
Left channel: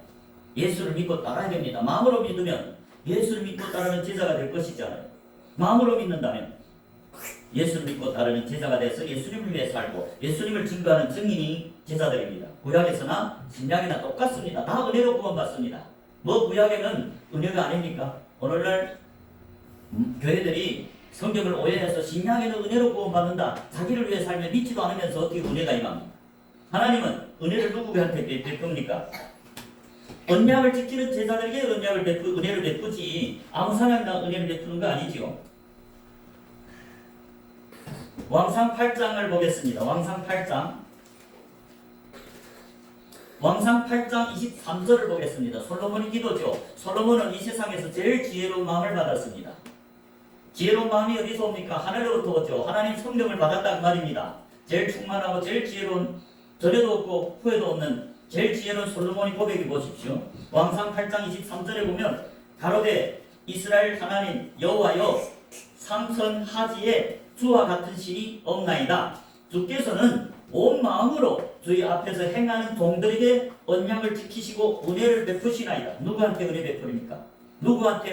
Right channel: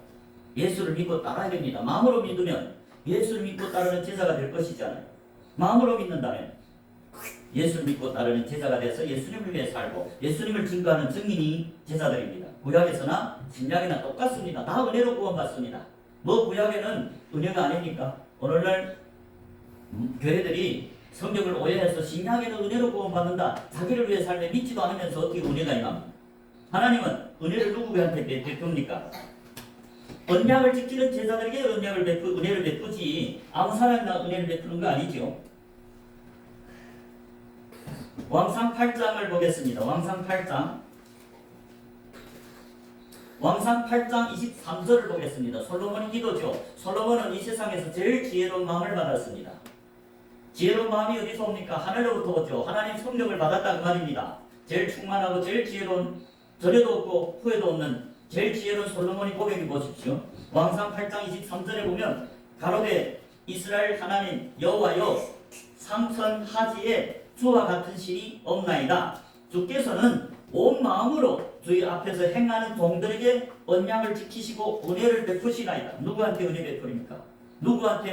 예수를 믿고 따라야 됩니다. 마음으로 믿으면 예수를 믿고 따르는 제자가 될 것이잖아요. 마음으로 믿는다면 예수를 믿고 따르는 제자가 돼서 예수님을 위해 살고 예수님을 증거하는 증인이 제자들입니다. 구약에서나 신약이나 똑같습니다. 다 은혜로 구원받습니다. 뭐 구약에는 은혜가 아닙니까? 오늘날 교회들이 성경을 오해해서 신약에는 은혜로 구원받는다. 자기를 위해 살며 믿지도 않으면서 어떻게 은혜가 임합니까? 하나님은 은혜를 누구한테 베풉니까? 언약을 지키는 제자들에게 은혜를 베푸지 아무 사람이나 은혜를 베푸는 거 아니지요. 왕상 8장을 보겠습니다. 왕상 8장 23절을 보겠습니다. 솔로몬의 기도죠. 솔로몬은 이 세상에서 제일 지혜로운 마음을 받았습니다. 지혜로운 마음이 어디서 옵니까? 하늘로부터 오죠. 하나님 성령을 받았다는 말입니다. 제일 충만하고 제일 지혜로운, 전에도 없고 후에도 없는 제일 지혜로운 솔로몬의 고백을 보십시오. 왕상 8장 23절에 보면 가로되 이스라엘 하나님 여호와여 삼선하지에 주와 같은 신이 없나이다. 주께서는 온 마음으로 주의 앞에서 행하는 종들에게 언약을 지키시고 은혜를 베푸시나이다. 누구한테 은혜 베풀입니까? 누구한테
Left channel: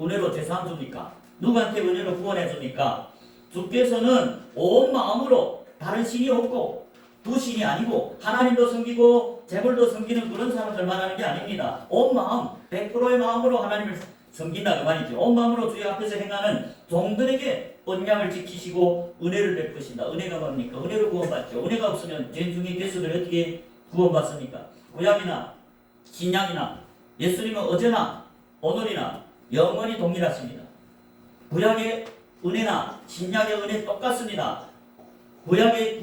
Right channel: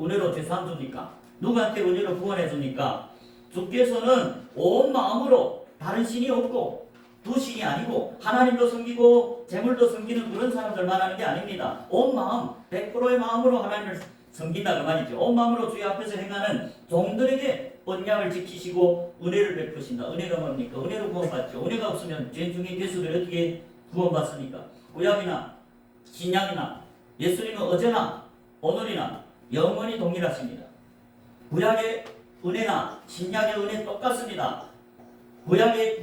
은혜로 제사함 줍니까? 누구한테 은혜로 구원해 줍니까? 주께서는 온 마음으로, 다른 신이 없고 두 신이 아니고 하나님도 섬기고 재물도 섬기는 그런 사람들 말하는 게 아닙니다. 온 마음, 100%의 마음으로 하나님을 섬긴다 그 말이죠. 온 마음으로 주의 앞에서 행하는 종들에게 언약을 지키시고 은혜를 베푸신다. 은혜가 뭡니까? 은혜로 구원받죠. 은혜가 없으면 죄 중에 괴수들 어떻게 구원받습니까? 구약이나 신약이나 예수님은 어제나 오늘이나 영원히 동일하십니다. 구약의 은혜나 신약의 은혜 똑같습니다. 구약의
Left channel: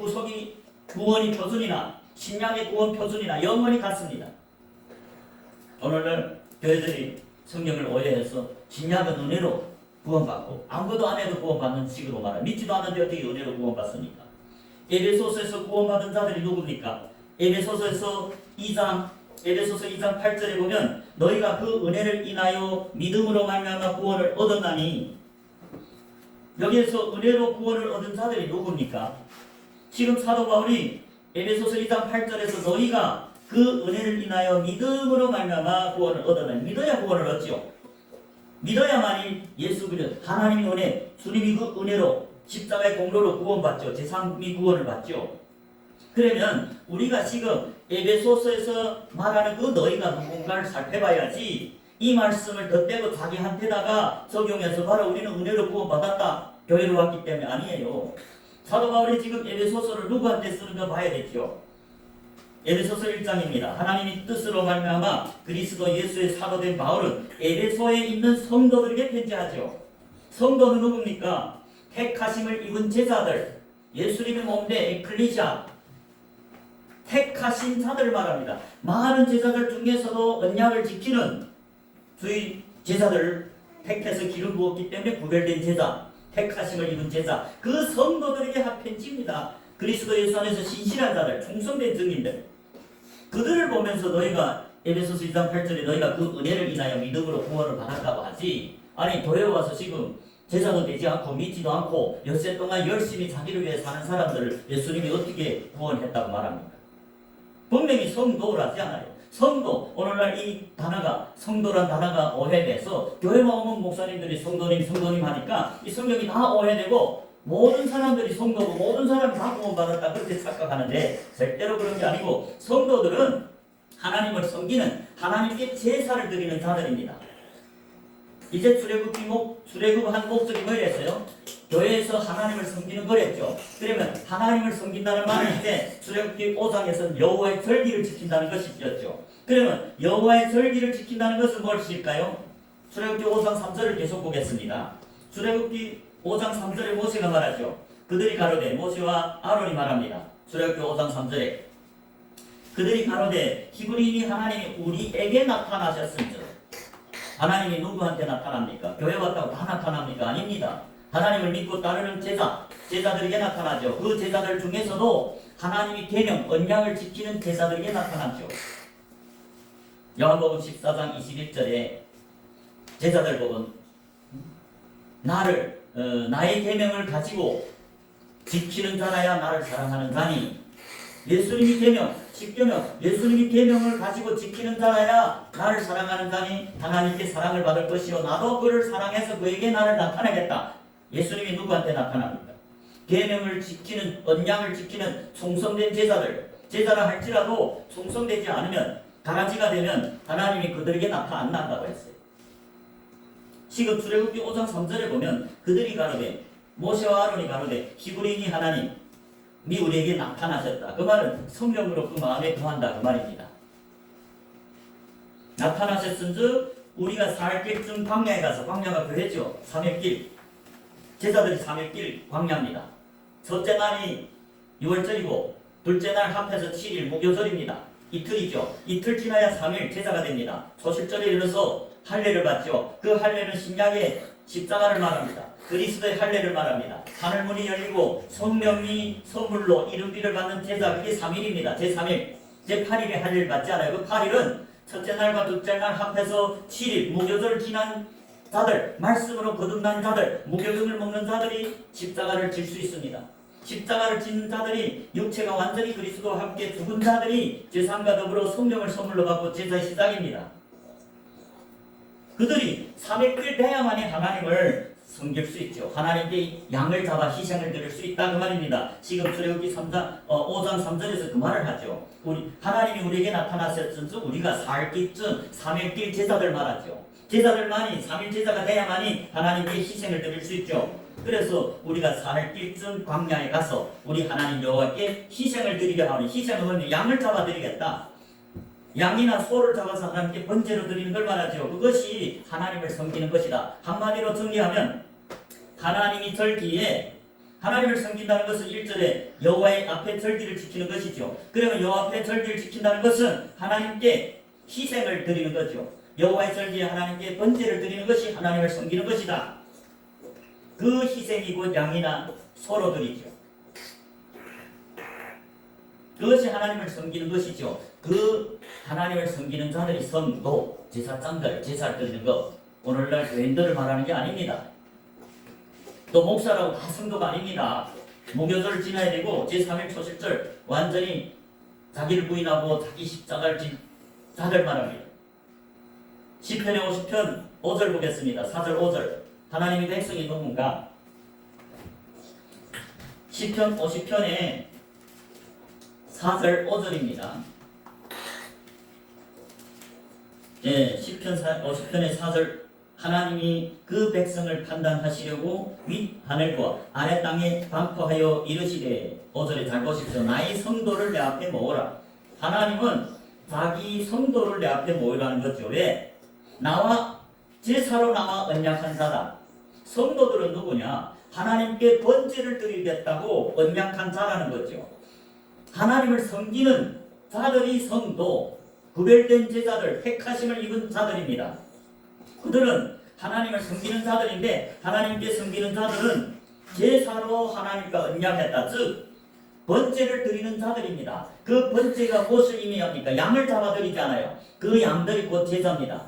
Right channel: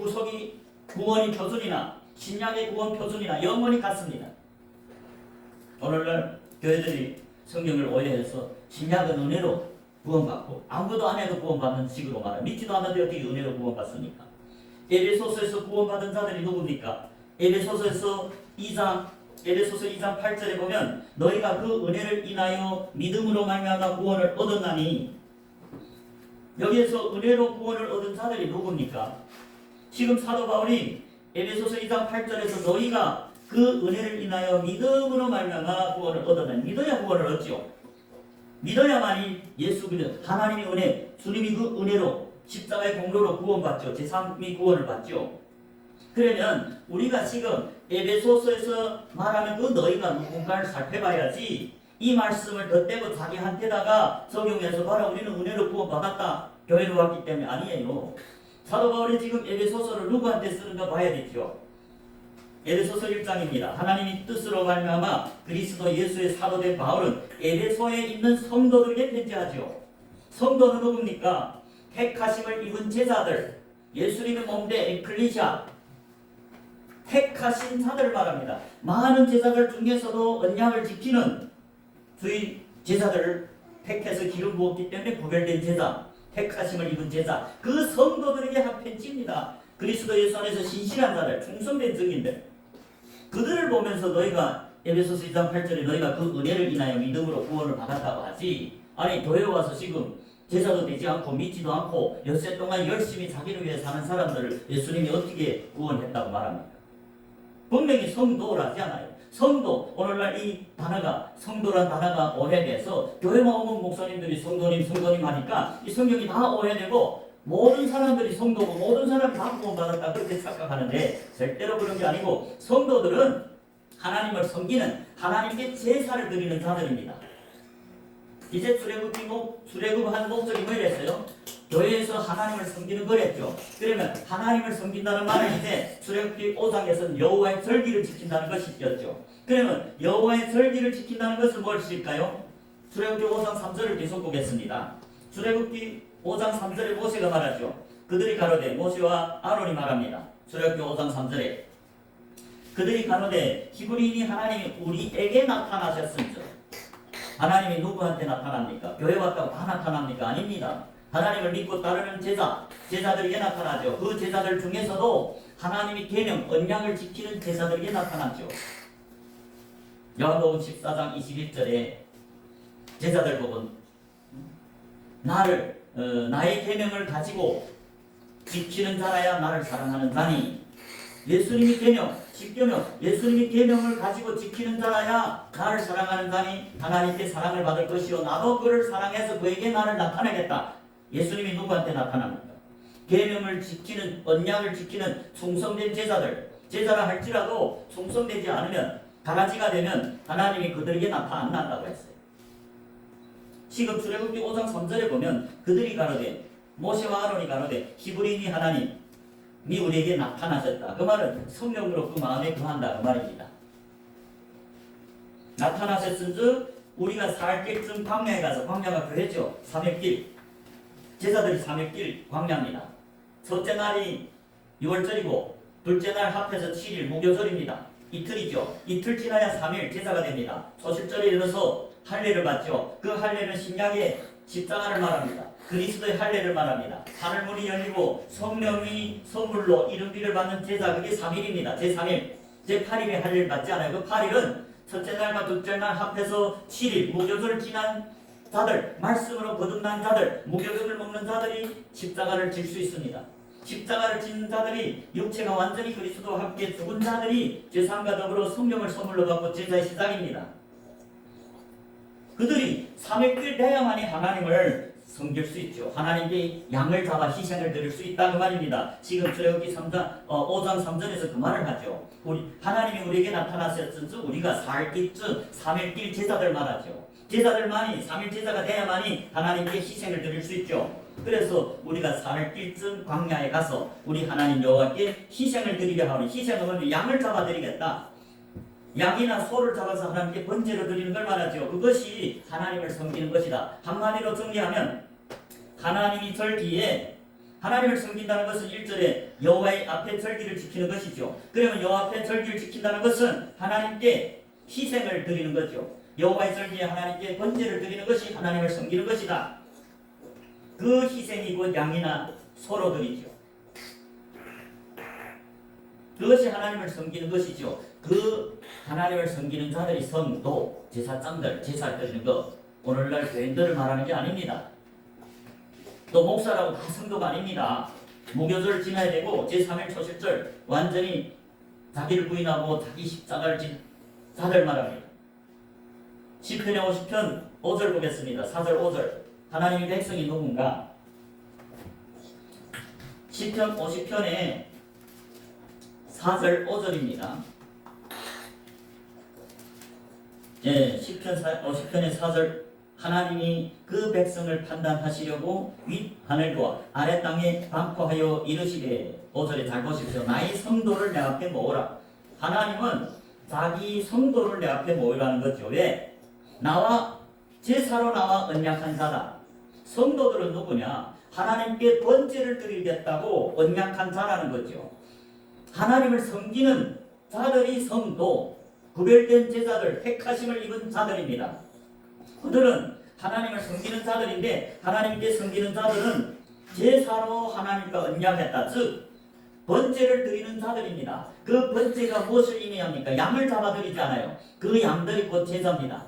구원이 표준이나 신약의 구원 표준이나 영원히 같습니다. 오늘날 교회들이 성경을 오해해서 신약은 은혜로 구원받고 아무것도 안 해도 구원받는 식으로 말합니다. 믿지도 않는데 어떻게 은혜로 구원받습니까? 에베소서에서 구원받은 자들이 누굽니까? 에베소서 2장 8절에 보면 너희가 그 은혜를 인하여 믿음으로 말미암아 구원을 얻었나니, 여기에서 은혜로 구원을 얻은 자들이 누굽니까? 지금 사도 바울이 에베소서 2장 8절에서 너희가 그 은혜를 인하여 믿음으로 말미암아 구원을 얻었나니, 믿어야 구원을 얻지요. 믿어야만이 예수 그리스도 하나님의 은혜, 주님이 그 은혜로 십자가의 공로로 구원받죠. 제3의 구원을 받죠. 그러면 우리가 지금 에베소서에서 말하는 그 너희가 누군가를 살펴봐야지 이 말씀을 덧대고 자기한테다가 적용해서 바로 우리는 은혜로 구원받았다, 교회로 왔기 때문에 아니에요. 사도 바울이 지금 에베소서를 누구한테 쓰는가 봐야 되죠. 에베소서 1장입니다. 하나님의 뜻으로 말미암아 그리스도 예수의 사도된 바울은 에베소에 있는 성도들에게 편지하죠. 성도는 누굽니까? 택하심을 입은 제자들, 예수님의 몸대 에클리시아, 택하신 자들을 말합니다. 많은 제자들 중에서도 언약을 지키는 주의 제자들을 택해서 기름 부었기 때문에 구별된 제자, 택하심을 입은 제자, 그 성도들에게 한 편지입니다. 그리스도 예수 안에서 신실한 자들, 충성된 증인들, 그들을 보면서 너희가 에베소서 2장 8절에 너희가 그 은혜를 인하여 믿음으로 구원을 받았다고 하지, 아니 교회 와서 지금 제자도 되지 않고 믿지도 않고 엿새 동안 열심히 자기를 위해 사는 사람들을 예수님이 어떻게 구원했다고 말합니까? 분명히 성도라지 않아요. 성도, 오늘날 이 단어가, 성도란 단어가 오해돼서 교회만 오면 목사님들이 성도님 하니까 이 성경이 다 오해되고 모든 사람들이 성도고 모든 사람이 다 구원받았다 그렇게 착각하는데, 절대로 그런 게 아니고 성도들은 하나님을 섬기는, 하나님께 제사를 드리는 자들입니다. 이제 출애굽한 목적이 뭐였어요? 교회에서 하나님을 섬기는 거랬죠. 그러면 하나님을 섬긴다는 말은 이제 출애굽기 5장에서는 여호와의 절기를 지킨다는 것이었죠. 그러면 여호와의 절기를 지킨다는 것은 무엇일까요? 출애굽기 5장 3절을 계속 보겠습니다. 출애굽기 5장 3절에 모세가 말하죠. 그들이 가로되, 모세와 아론이 말합니다. 출애굽기 5장 3절에 그들이 가로되 히브리인이 하나님이 우리에게 나타나셨은즉. 하나님이 누구한테 나타납니까? 교회 왔다고 다 나타납니까? 아닙니다. 하나님을 믿고 따르는 제자들에게 나타나죠. 그 제자들 중에서도 하나님이 계명, 언약을 지키는 제사들에게 나타났죠. 요한복음 14장 21절에 제사들 보고 나의 계명을 가지고 지키는 자라야 나를 사랑하는 자니, 예수님이 계명, 십계명, 예수님이 계명을 가지고 지키는 자라야 나를 사랑하는 자니 하나님께 사랑을 받을 것이요 나도 그를 사랑해서 그에게 나를 나타내겠다. 예수님이 누구한테 나타납니까? 계명을 지키는, 언약을 지키는 충성된 제사를 할지라도 충성되지 않으면, 가라지가 되면 하나님이 그들에게 나타난다고 했어요. 시급 출애굽기 5장 3절에 보면 그들이 가로되, 모세와 아론이 가로되 히브리인이 하나님이 우리에게 나타나셨다. 그 말은 성령으로 그 마음에 거한다 그 말입니다. 나타나셨은즉 우리가 살 길쯤 광야에 가서, 광야가 그랬죠. 3일길, 제사들이 3일길 광야입니다. 첫째 날이 6월절이고 둘째 날 합해서 7일 무교절입니다. 이틀이죠. 이틀 지나야 3일 제사가 됩니다. 초실절에 이르러서 할례를 받죠. 그 할례는 신약의 십자가를 말합니다. 그리스도의 할례를 말합니다. 하늘문이 열리고 성령이 선물로 이름비를 받는 제사, 그게 3일입니다. 제3일, 제8일에 할례를 받지 않아요. 그 8일은 첫째 날과 둘째 날 합해서 7일 무교절 지난 자들, 말씀으로 거듭난 자들, 무교병을 먹는 자들이 십자가를 질 수 있습니다. 십자가를 지는 자들이, 육체가 완전히 그리스도와 함께 죽은 자들이 제사과 더불어 성령을 선물로 받고 제사의 시작입니다. 그들이 3일길 돼야만이 하나님을 섬길 수 있죠. 하나님께 양을 잡아 희생을 드릴 수 있다 그 말입니다. 지금 출애굽기 5장 3절에서 그 말을 하죠. 하나님이 우리에게 나타나셨은즉 우리가 살 길쯤 3일길 제사들 말하죠. 제사들만이 3일 제사가 돼야만이 하나님께 희생을 드릴 수 있죠. 그래서 우리가 살 길쯤 광야에 가서 우리 하나님 여호와께 희생을 드리려 하니, 희생은 양을 잡아 드리겠다. 양이나 소를 잡아서 하나님께 번제로 드리는 걸 말하죠. 그것이 하나님을 섬기는 것이다. 한마디로 정리하면 하나님이 절기에, 하나님을 섬긴다는 것은 1절에 여호와의 앞에 절기를 지키는 것이죠. 그러면 여호와 앞에 절기를 지킨다는 것은 하나님께 희생을 드리는 거죠. 여호와의 절기에 하나님께 번제를 드리는 것이 하나님을 섬기는 것이다. 그 희생이 곧 양이나 소로 드리죠. 그것이 하나님을 섬기는 것이죠. 그 하나님을 섬기는 자들이 성도, 제사장들, 제사를 드리는 것, 오늘날 교인들을 말하는 게 아닙니다. 또 목사라고 다 성도가 아닙니다. 무교절을 지나야 되고 제3일 초실절 완전히 자기를 부인하고 자기 십자가를 진 자들 말합니다. 시편의 50편 5절 보겠습니다. 4절 5절. 하나님의 백성이 누군가? 시편 50편의 4절 5절입니다. 예, 시편 50편의 4절. 하나님이 그 백성을 판단하시려고 윗 하늘과 아래 땅에 반포하여 이르시되, 5절에 잘 보십시오. 나의 성도를 내 앞에 모으라. 하나님은 자기 성도를 내 앞에 모으라는 거죠. 왜? 나와 제사로 나와 언약한 자다. 성도들은 누구냐? 하나님께 번제를 드리겠다고 언약한 자라는 거죠. 하나님을 섬기는 자들이 성도, 구별된 제자들, 택하심을 입은 자들입니다. 그들은 하나님을 섬기는 자들인데, 하나님께 섬기는 자들은 제사로 하나님과 언약했다. 즉 번제를 드리는 자들입니다. 그 번제가 무엇을 의미합니까? 양을 잡아드리잖아요. 그 양들이 곧 제사입니다.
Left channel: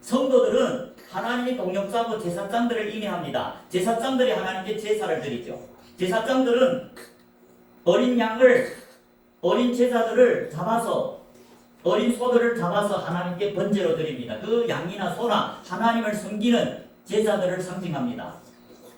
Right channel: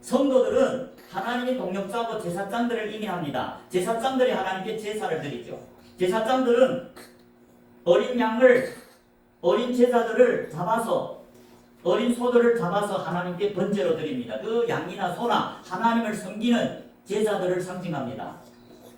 성도들은 하나님이 동역자고 제사장들을 의미합니다. 제사장들이 하나님께 제사를 드리죠. 제사장들은 어린 양을, 어린 제사들을 잡아서, 어린 소들을 잡아서 하나님께 번제로 드립니다. 그 양이나 소나 하나님을 섬기는 제사들을 상징합니다.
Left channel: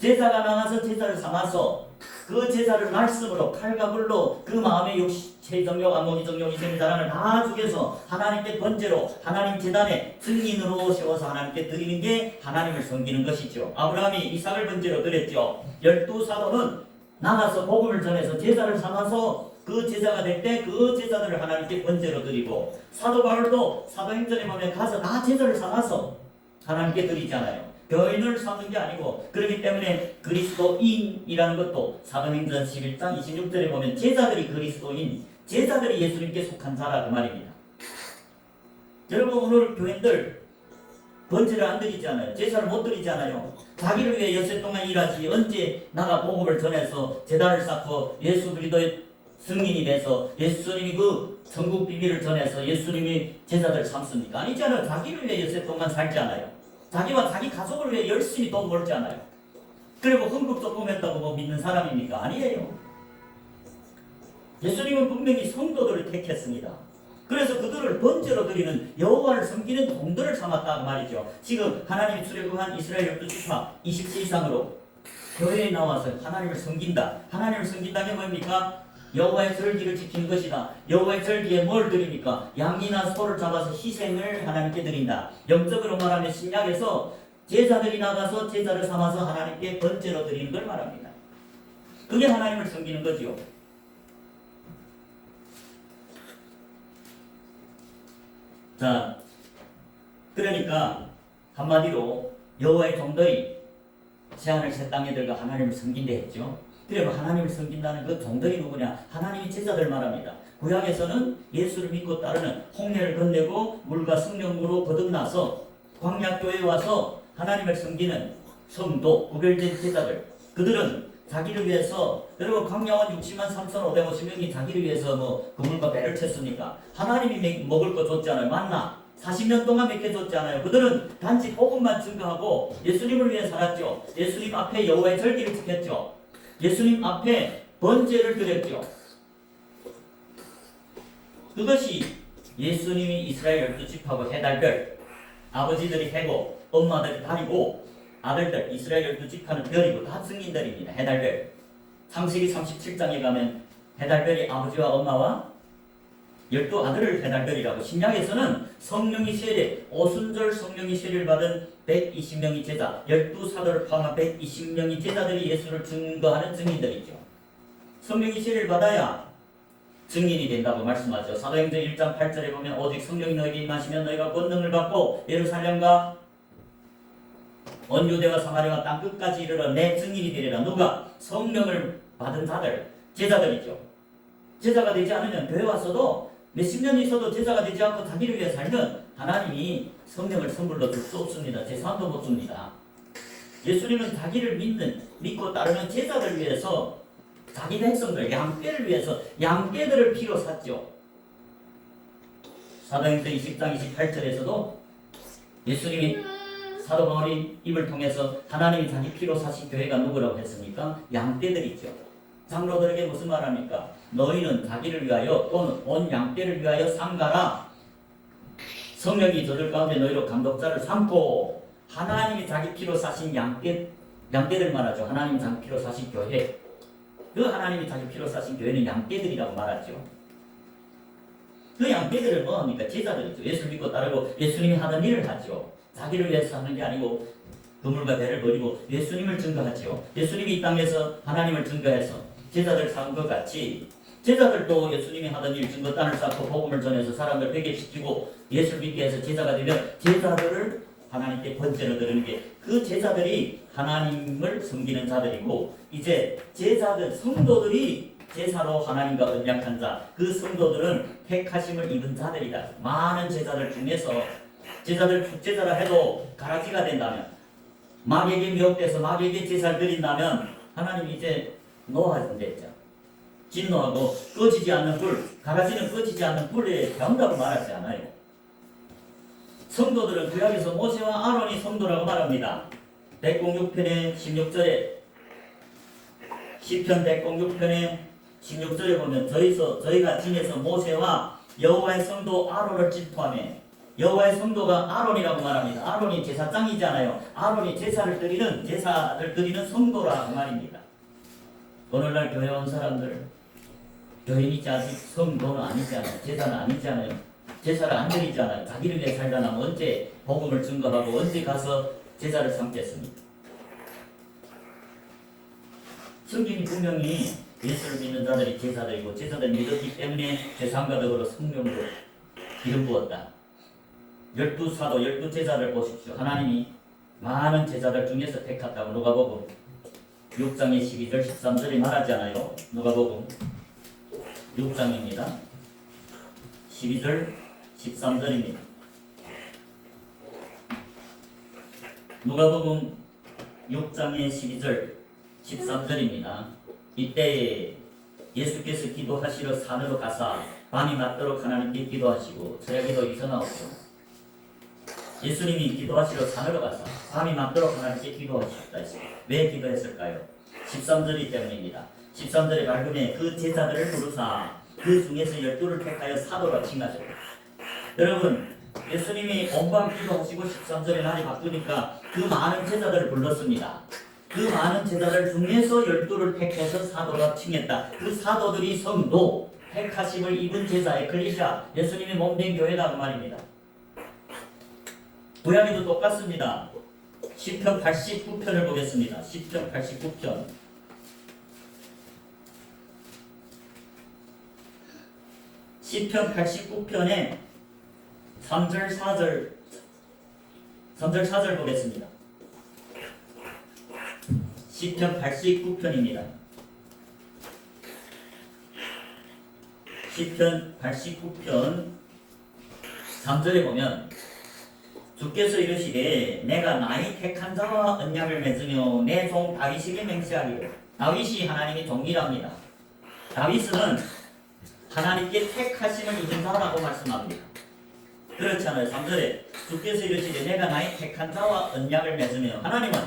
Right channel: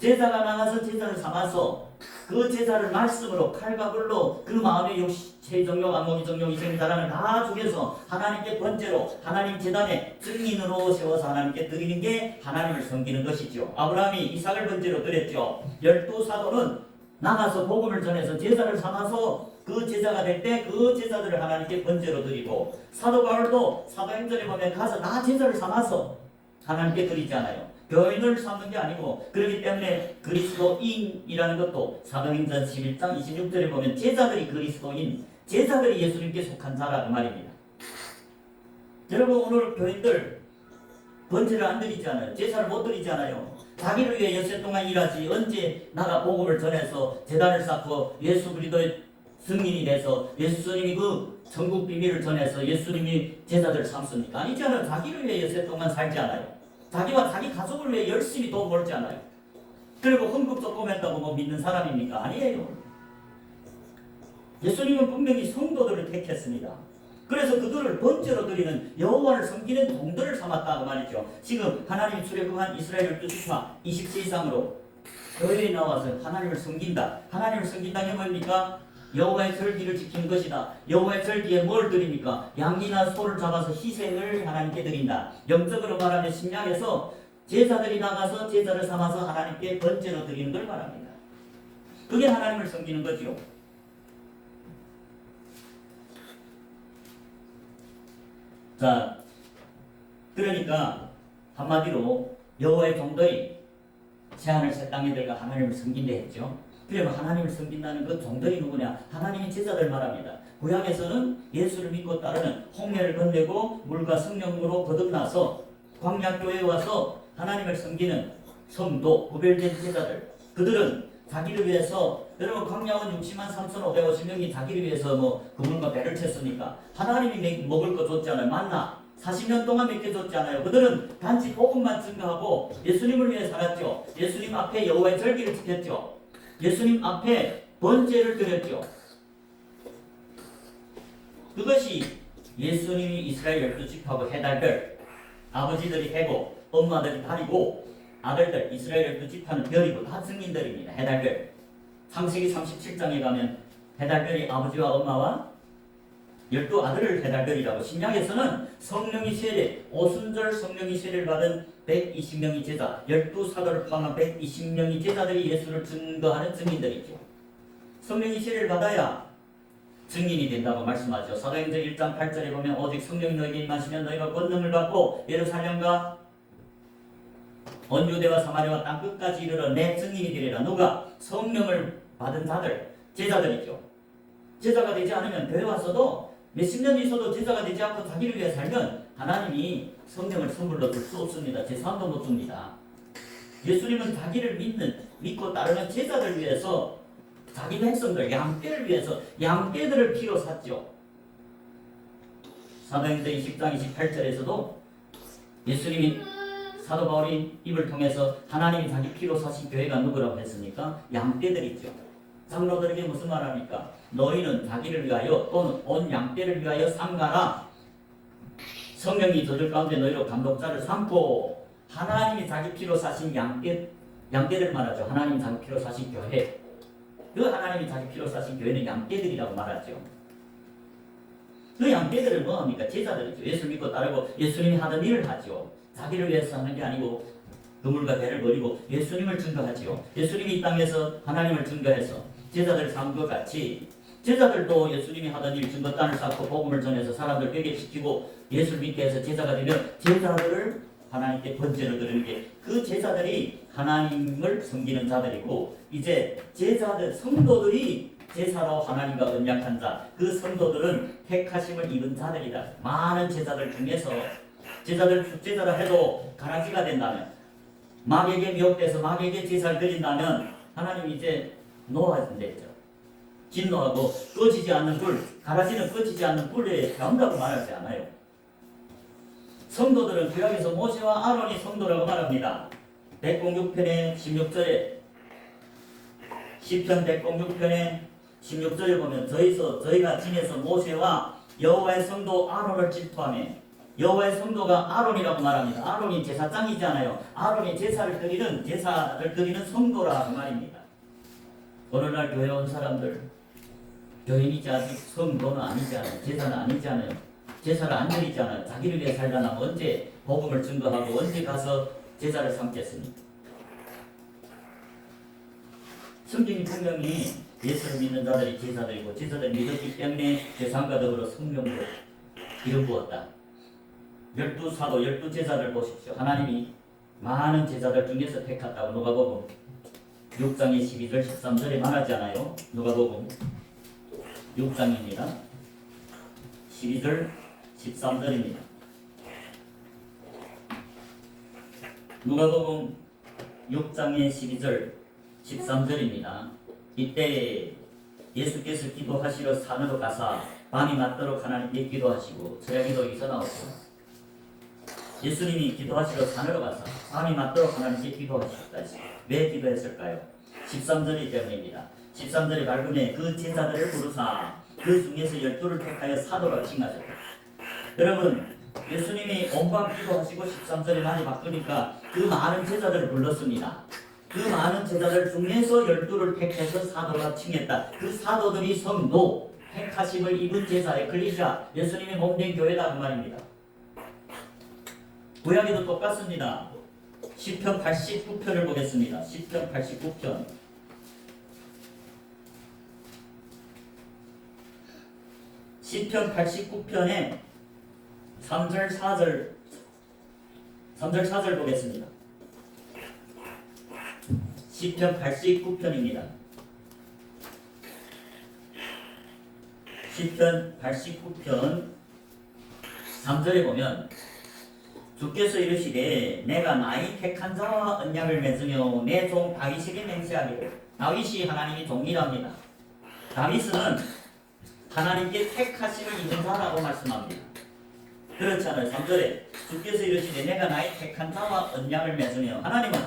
제사가 나가서 제사를 삼아서 그 제사를 말씀으로, 칼과 불로 그 마음의 욕심, 체정욕, 안목이정욕, 이생자란을 다 죽여서 하나님께 번제로, 하나님 제단에 증인으로 세워서 하나님께 드리는 게 하나님을 섬기는 것이죠. 아브라함이 이삭을 번제로 드렸죠. 12사도는 나가서 복음을 전해서 제사를 삼아서 그 제사가 될 때 그 제사들을 하나님께 번제로 드리고, 사도 바울도 사도행전에 보면 가서 다 제사를 삼아서 하나님께 드리잖아요. 교인을 삼는 게 아니고, 그렇기 때문에 그리스도인이라는 것도 사도행전 11장 26절에 보면 제자들이 그리스도인, 제자들이 예수님께 속한 자라 그 말입니다. 여러분, 오늘 교인들 번제를 안 드리잖아요. 제사를 못 드리잖아요. 자기를 위해 엿새 동안 일하지 언제 나가 복음을 전해서 제단을 쌓고 예수 그리스도의 증인이 돼서 예수님이 그 천국 비밀을 전해서 예수님이 제자들 삼습니까? 아니잖아요. 자기를 위해 여세 동안 살지 않아요. 자기와 자기 가족을 위해 열심히 돈 벌지 않아요. 그리고 헌금 조금 했다고 뭐 믿는 사람입니까? 아니에요. 예수님은 분명히 성도들을 택했습니다. 그래서 그들을 번제로 드리는 여호와를 섬기는 종들을 삼았다는 말이죠. 지금 하나님이 출애굽한 이스라엘 12지파 20세 이상으로 교회에 나와서 하나님을 섬긴다. 하나님을 섬긴다는 게 뭡니까? 여호와의 절기를 지키는 것이다. 여호와의 절기에 뭘 드립니까? 양이나 소를 잡아서 희생을 하나님께 드린다. 영적으로 말하면 신약에서 제자들이 나가서 제자를 삼아서 하나님께 번제로 드리는 걸 말합니다. 그게 하나님을 섬기는 거죠. 자, 그러니까 한마디로 여호와의 종들이 새하늘 새 땅에 들어가 하나님을 섬긴다 했죠. 그러면 하나님을 섬긴다는 그 종들이 누구냐? 하나님의 제자들 말합니다. 구약에서는 예수를 믿고 따르는 홍해를 건네고 물과 성령으로 거듭나서 광야교회에 와서 하나님을 섬기는 성도, 구별된 제자들. 그들은 자기를 위해서, 여러분 광야원 60만 3,550명이 자기를 위해서 뭐 그물과 배를 쳤으니까 하나님이 먹을 거 줬잖아요. 만나 40년 동안 먹여줬잖아요. 그들은 단지 복음만 증거하고 예수님을 위해 살았죠. 예수님 앞에 여호와의 절기를 지켰죠. 예수님 앞에 번제를 드렸죠. 그것이 예수님이 이스라엘 12지파고 해달들, 아버지들이 해고 엄마들이 달이고 아들들, 이스라엘 12지파는 별이고 다 증인들입니다. 해달들. 창세기 37장에 가면 해달별이 아버지와 엄마와 12아들을 해달별이라고, 신약에서는 성령이 세례, 오순절 성령이 세례를 받은 120명의 제자, 12사도를 포함한 120명의 제자들이 예수를 증거하는 증인들이죠. 성령이 세례를 받아야 증인이 된다고 말씀하죠. 사도행전 1장 8절에 보면 오직 성령이 너에게 임하시면 너희가 권능을 받고 예루살렘과 온 유대와 사마리아와 땅 끝까지 이르러 내 증인이 되리라. 누가? 성령을 받은 자들, 제자들이죠. 제자가 되지 않으면 교회 와서도 몇십 년 있어도 제자가 되지 않고 자기를 위해 살면 하나님이 성령을 선물로 줄 수 없습니다. 제사도 못 줍니다. 예수님은 자기를 믿고 따르는 제자들 위해서 자기 백성들, 양떼를 위해서 양떼들을 피로 샀죠. 사도행전 20장 28절에서도 예수님이 사도 바울이 입을 통해서 하나님이 자기 피로 사신 교회가 누구라고 했습니까? 양떼들이죠. 장로들에게 무슨 말합니까? 너희는 자기를 위하여 또는 온 양떼를 위하여 삼가라. 성령이 저들 가운데 너희로 감독자를 삼고, 하나님이 자기 피로 사신 양떼들 말하죠. 하나님이 자기 피로 사신 교회. 그 하나님이 자기 피로 사신 교회는 양떼들이라고 말하죠. 그 양떼들은 뭐합니까? 제자들이죠. 예수를 믿고 따르고 예수님이 하던 일을 하죠. 자기를 위해서 하는 게 아니고 그물과 배를 버리고 예수님을 증거하지요. 예수님이 이 땅에서 하나님을 증거해서 제자들 삼은 것 같이 제자들도 예수님이 하던 일 증거단을 쌓고 복음을 전해서 사람들 회개시키고 예수를 믿게 해서 제자가 되면 제자들을 하나님께 번제로 드리는 게, 그 제자들이 하나님을 섬기는 자들이고, 이제 제자들, 성도들이 제사로 하나님과 언약한 자, 그 성도들은 택하심을 입은 자들이다. 많은 제자들 중에서 제자라 해도 가라지가 된다면, 마귀에게 미혹돼서 마귀에게 제사를 드린다면 하나님이 이제 노하신댔죠. 진노하고 꺼지지 않는 불, 가라지는 꺼지지 않는 불에 배운다고 말하지 않아요. 성도들은 구약에서 모세와 아론이 성도라고 말합니다. 106편의 16절에, 시편 106편의 16절에 보면 저희가 징에서 모세와 여호와의 성도 아론을 질투하며, 여호와의 성도가 아론이라고 말합니다. 아론이 제사장이잖아요. 아론이 제사를 드리는 성도라고 말입니다. 오늘날 교회 온 사람들, 교인이지 아직 성도는 아니잖아요. 제사는 아니잖아요. 제사를 안 드리잖아요. 자기를 위해 살려면 언제 복음을 증거하고 언제 가서 제사를 삼겠습니까? 성경이 분명히 예수를 믿는 자들이 제사들이고, 제사들 믿었기 때문에 제사함과 더불어 성령으로 기름 부었다. 12사도, 12제자들 보십시오. 하나님이 많은 제자들 중에서 택했다고 누가복음 6장의 12절 13절에 말하지 않아요? 누가복음 6장입니다. 12절 13절입니다. 누가복음 6장의 12절 13절입니다. 이때에 예수께서 기도하시러 산으로 가사 밤이 맞도록 하나님께 기도하시고 저녁에도 여기서 나오고 예수님이 기도하시러 산으로 가서 밤이 맞도록 하나님께 기도하셨다 했어요. 왜 기도했을까요? 13절이 때문입니다. 13절에 밝음에 그 제자들을 부르사 그 중에서 12를 택하여 사도라 칭하셨다. 여러분 예수님이 온밤 기도하시고 13절에 날이 바꾸니까 그 많은 제자들을 불렀습니다. 그 많은 제자들 중에서 12를 택해서 사도라 칭했다. 그 사도들이 성도 택하심을 입은 제자 에클레시아 예수님의 몸된 교회다 그 말입니다. 구약에도 똑같습니다. 시편 89편을 보겠습니다. 시편 89편. 시편 89편에 3절 4절 보겠습니다. 시편 89편입니다. 시편 89편 3절에 보면 주께서 이르시되 내가 나의 택한 자와 언약을 맺으며 내 종 다윗에게 맹세하기를. 다윗이 하나님의 종이랍니다. 다윗은 하나님께 택하심을 입은 자라고 말씀합니다. 그렇지 않아요. 3절에 주께서 이르시되 내가 나의 택한 자와 언약을 맺으며 하나님은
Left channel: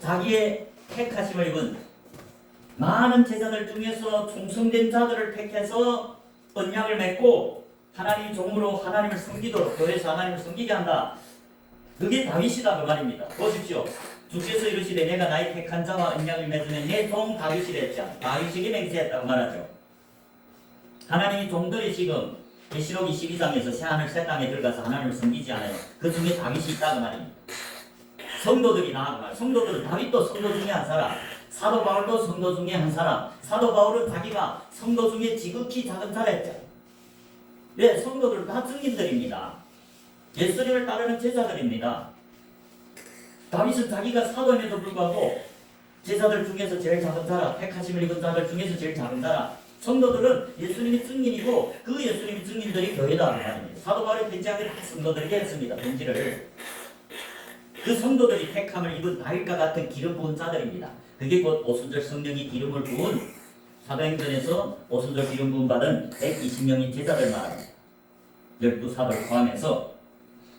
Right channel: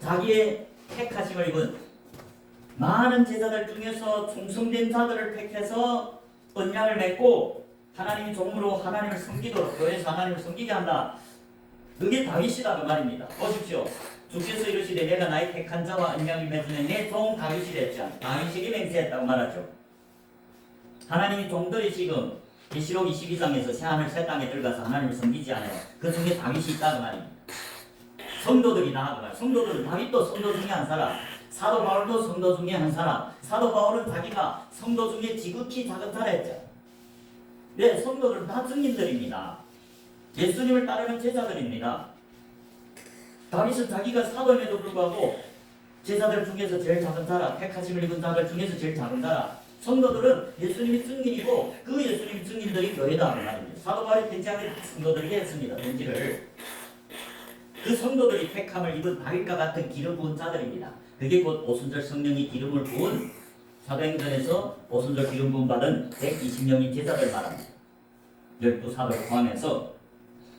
자기의 택하심을 입은 많은 제자들 중에서 충성된 자들을 택해서 언약을 맺고 하나님의 종으로 하나님을 섬기도록 교회에서 하나님을 섬기게 한다. 그게 다윗이다 그 말입니다. 보십시오. 주께서 이르시되 내가 나의 택한 자와 언약을 맺으면 내 종 다윗이 됐죠. 다윗에게 맹세했다고 말하죠. 하나님의 종들이 지금 계시록 22장에서 새하늘 새 땅에 들어가서 하나님을 섬기지 않아요. 그 중에 다윗이 있다고 말입니다. 성도들이 나아가 말. 성도들은 다윗도 성도 중에 한 사람, 사도 바울도 성도 중에 한 사람. 사도 바울은 자기가 성도 중에 지극히 작은 자라였죠. 네, 성도들은 다 증인들입니다. 예수님을 따르는 제자들입니다. 다윗은 자기가 사도임에도 불구하고 제자들 중에서 제일 작은 자라, 택하심을 입은 자들 중에서 제일 작은 자라. 성도들은 예수님이 증인이고 그 예수님이 증인들이 교회다 그 말입니다. 사도 바울이 편지하기를 성도들에게 했습니다. 편지를. 그 성도들이 택함을 입은 다윗과 같은 기름 부은 자들입니다. 그게 곧 오순절 성령이 기름을 부은 사도행전에서 오순절 기름 부음 받은 120명의 제자들 말합니다. 12사도를 포함해서.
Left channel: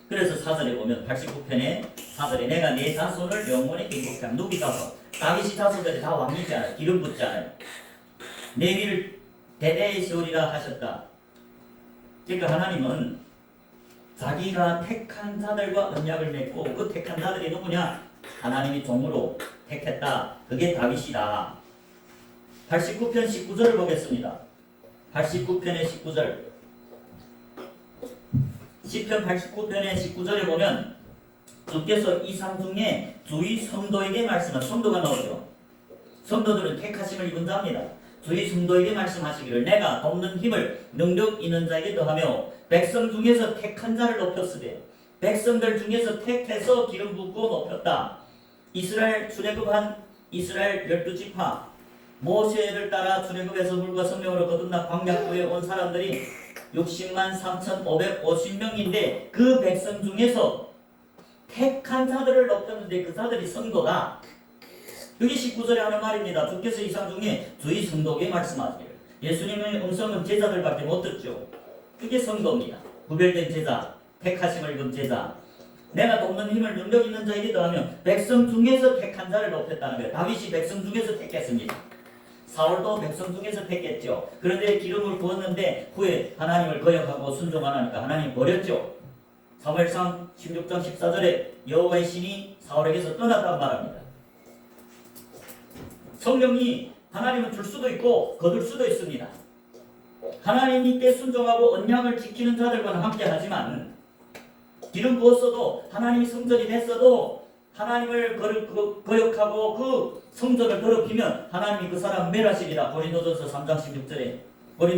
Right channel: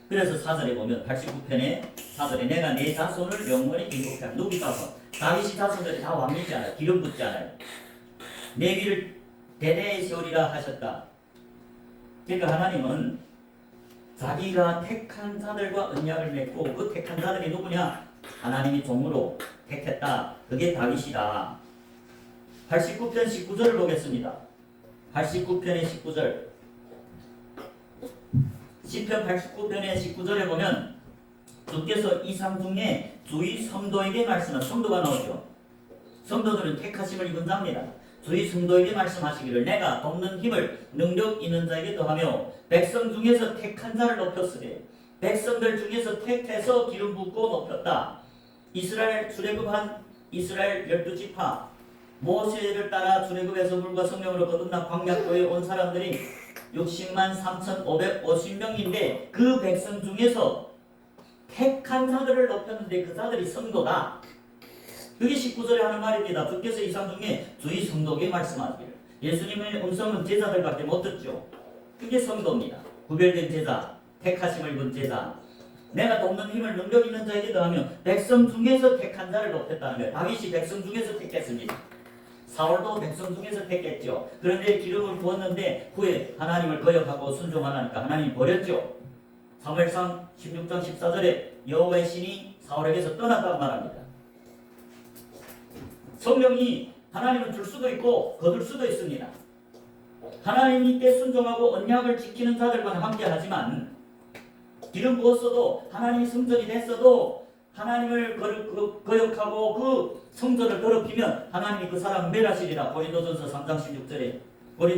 그래서 4절에 보면 89편에 4절에 내가 내 자손을 영원히 경고케 하라. 누구 자손? 다윗이 자손들이 다 왕이지 않아요. 기름 붓지 않아요. 내 위를 대대에 세우리라 하셨다. 그러니까 하나님은 자기가 택한 자들과 언약을 맺고 그 택한 자들이 누구냐? 하나님이 종으로 택했다. 그게 다윗이다. 89편 19절을 보겠습니다. 89편의 19절. 시편 89편의 19절에 보면 주께서 이상 중에 주의 성도에게 말씀한 성도가 나오죠. 성도들은 택하심을 입은 자입니다. 주의 성도에게 말씀하시기를 내가 돕는 힘을 능력 있는 자에게 더하며 백성 중에서 택한 자를 높였으되 백성들 중에서 택해서 기름 붓고 높였다. 이스라엘 출애굽한 이스라엘 12지파 모세를 따라 출애굽에서 물과 성령으로 거듭나 광야교에 온 사람들이 60만 3,550명인데 그 백성 중에서 택한 자들을 높였는데 그 자들이 성도다. 그게 19절에 하는 말입니다. 주께서 이상 중에 주의 성도에게 말씀하시기를. 예수님의 음성은 제자들밖에 못 듣죠. 그게 성도입니다. 구별된 제자, 택하심을 입은 제자. 내가 돕는 힘을 능력 있는 자에게 더하며 백성 중에서 택한 자를 높였다는 거예요. 다윗이 백성 중에서 택했습니다. 사울도 백성 중에서 택했죠. 그런데 기름을 부었는데 후에 하나님을 거역하고 순종하니까 하나님이 버렸죠. 사무엘상 16장 14절에 여호와의 신이 사울에게서 떠났다고 말합니다. 성령이 하나님은 줄 수도 있고 거둘 수도 있습니다. 하나님께 순종하고 언약을 지키는 자들과는 함께 하지만 기름 부었어도 하나님이 성전이 됐어도 하나님을 거역하고 그 성전을 더럽히면 하나님이 그 사람 멸하시리라. 고린도전서 3장 16절에 뭐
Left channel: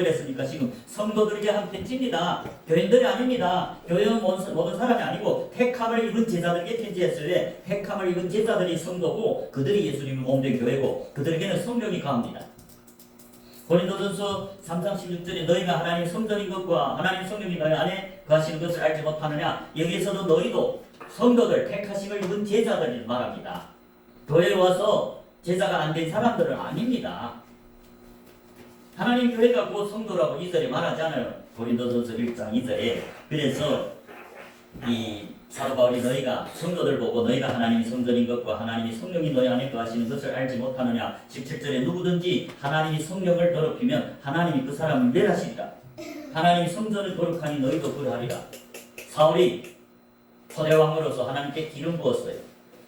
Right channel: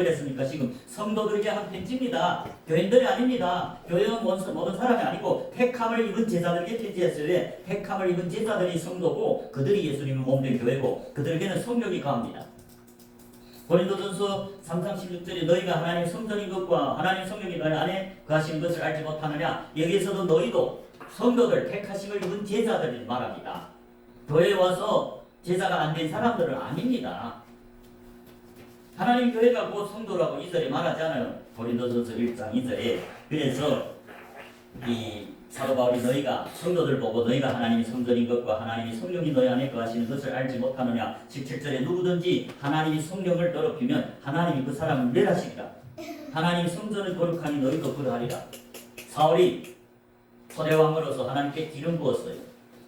이랬습니까? 지금 성도들에게 한 편지입니다. 교인들이 아닙니다. 교회는 모든 사람이 아니고 택함을 입은 제자들에게 편지했어요. 택함을 입은 제자들이 성도고 그들이 예수님을 몸된 교회고 그들에게는 성령이 거합니다. 고린도전서 3장 16절에 너희가 하나님의 성전인 것과 하나님의 성령이 너희 안에 거하시는 것을 알지 못하느냐. 여기에서도 너희도 성도들 택하심을 입은 제자들이 말합니다. 교회에 와서 제자가 안 된 사람들은 아닙니다. 하나님 교회가 곧 성도라고 2절에 말하지 않아요. 고린도전서 1장 2절에. 그래서 이 사도 바울이 너희가 성도들 보고 너희가 하나님이 성전인 것과 하나님이 성령이 너희 안에 거하시는 것을 알지 못하느냐. 17절에 누구든지 하나님이 성령을 더럽히면 하나님이 그 사람을 멸하시리라. 하나님이 성전을 거룩하니 너희도 그러하리라. 사울이 초대왕으로서 하나님께 기름 부었어요.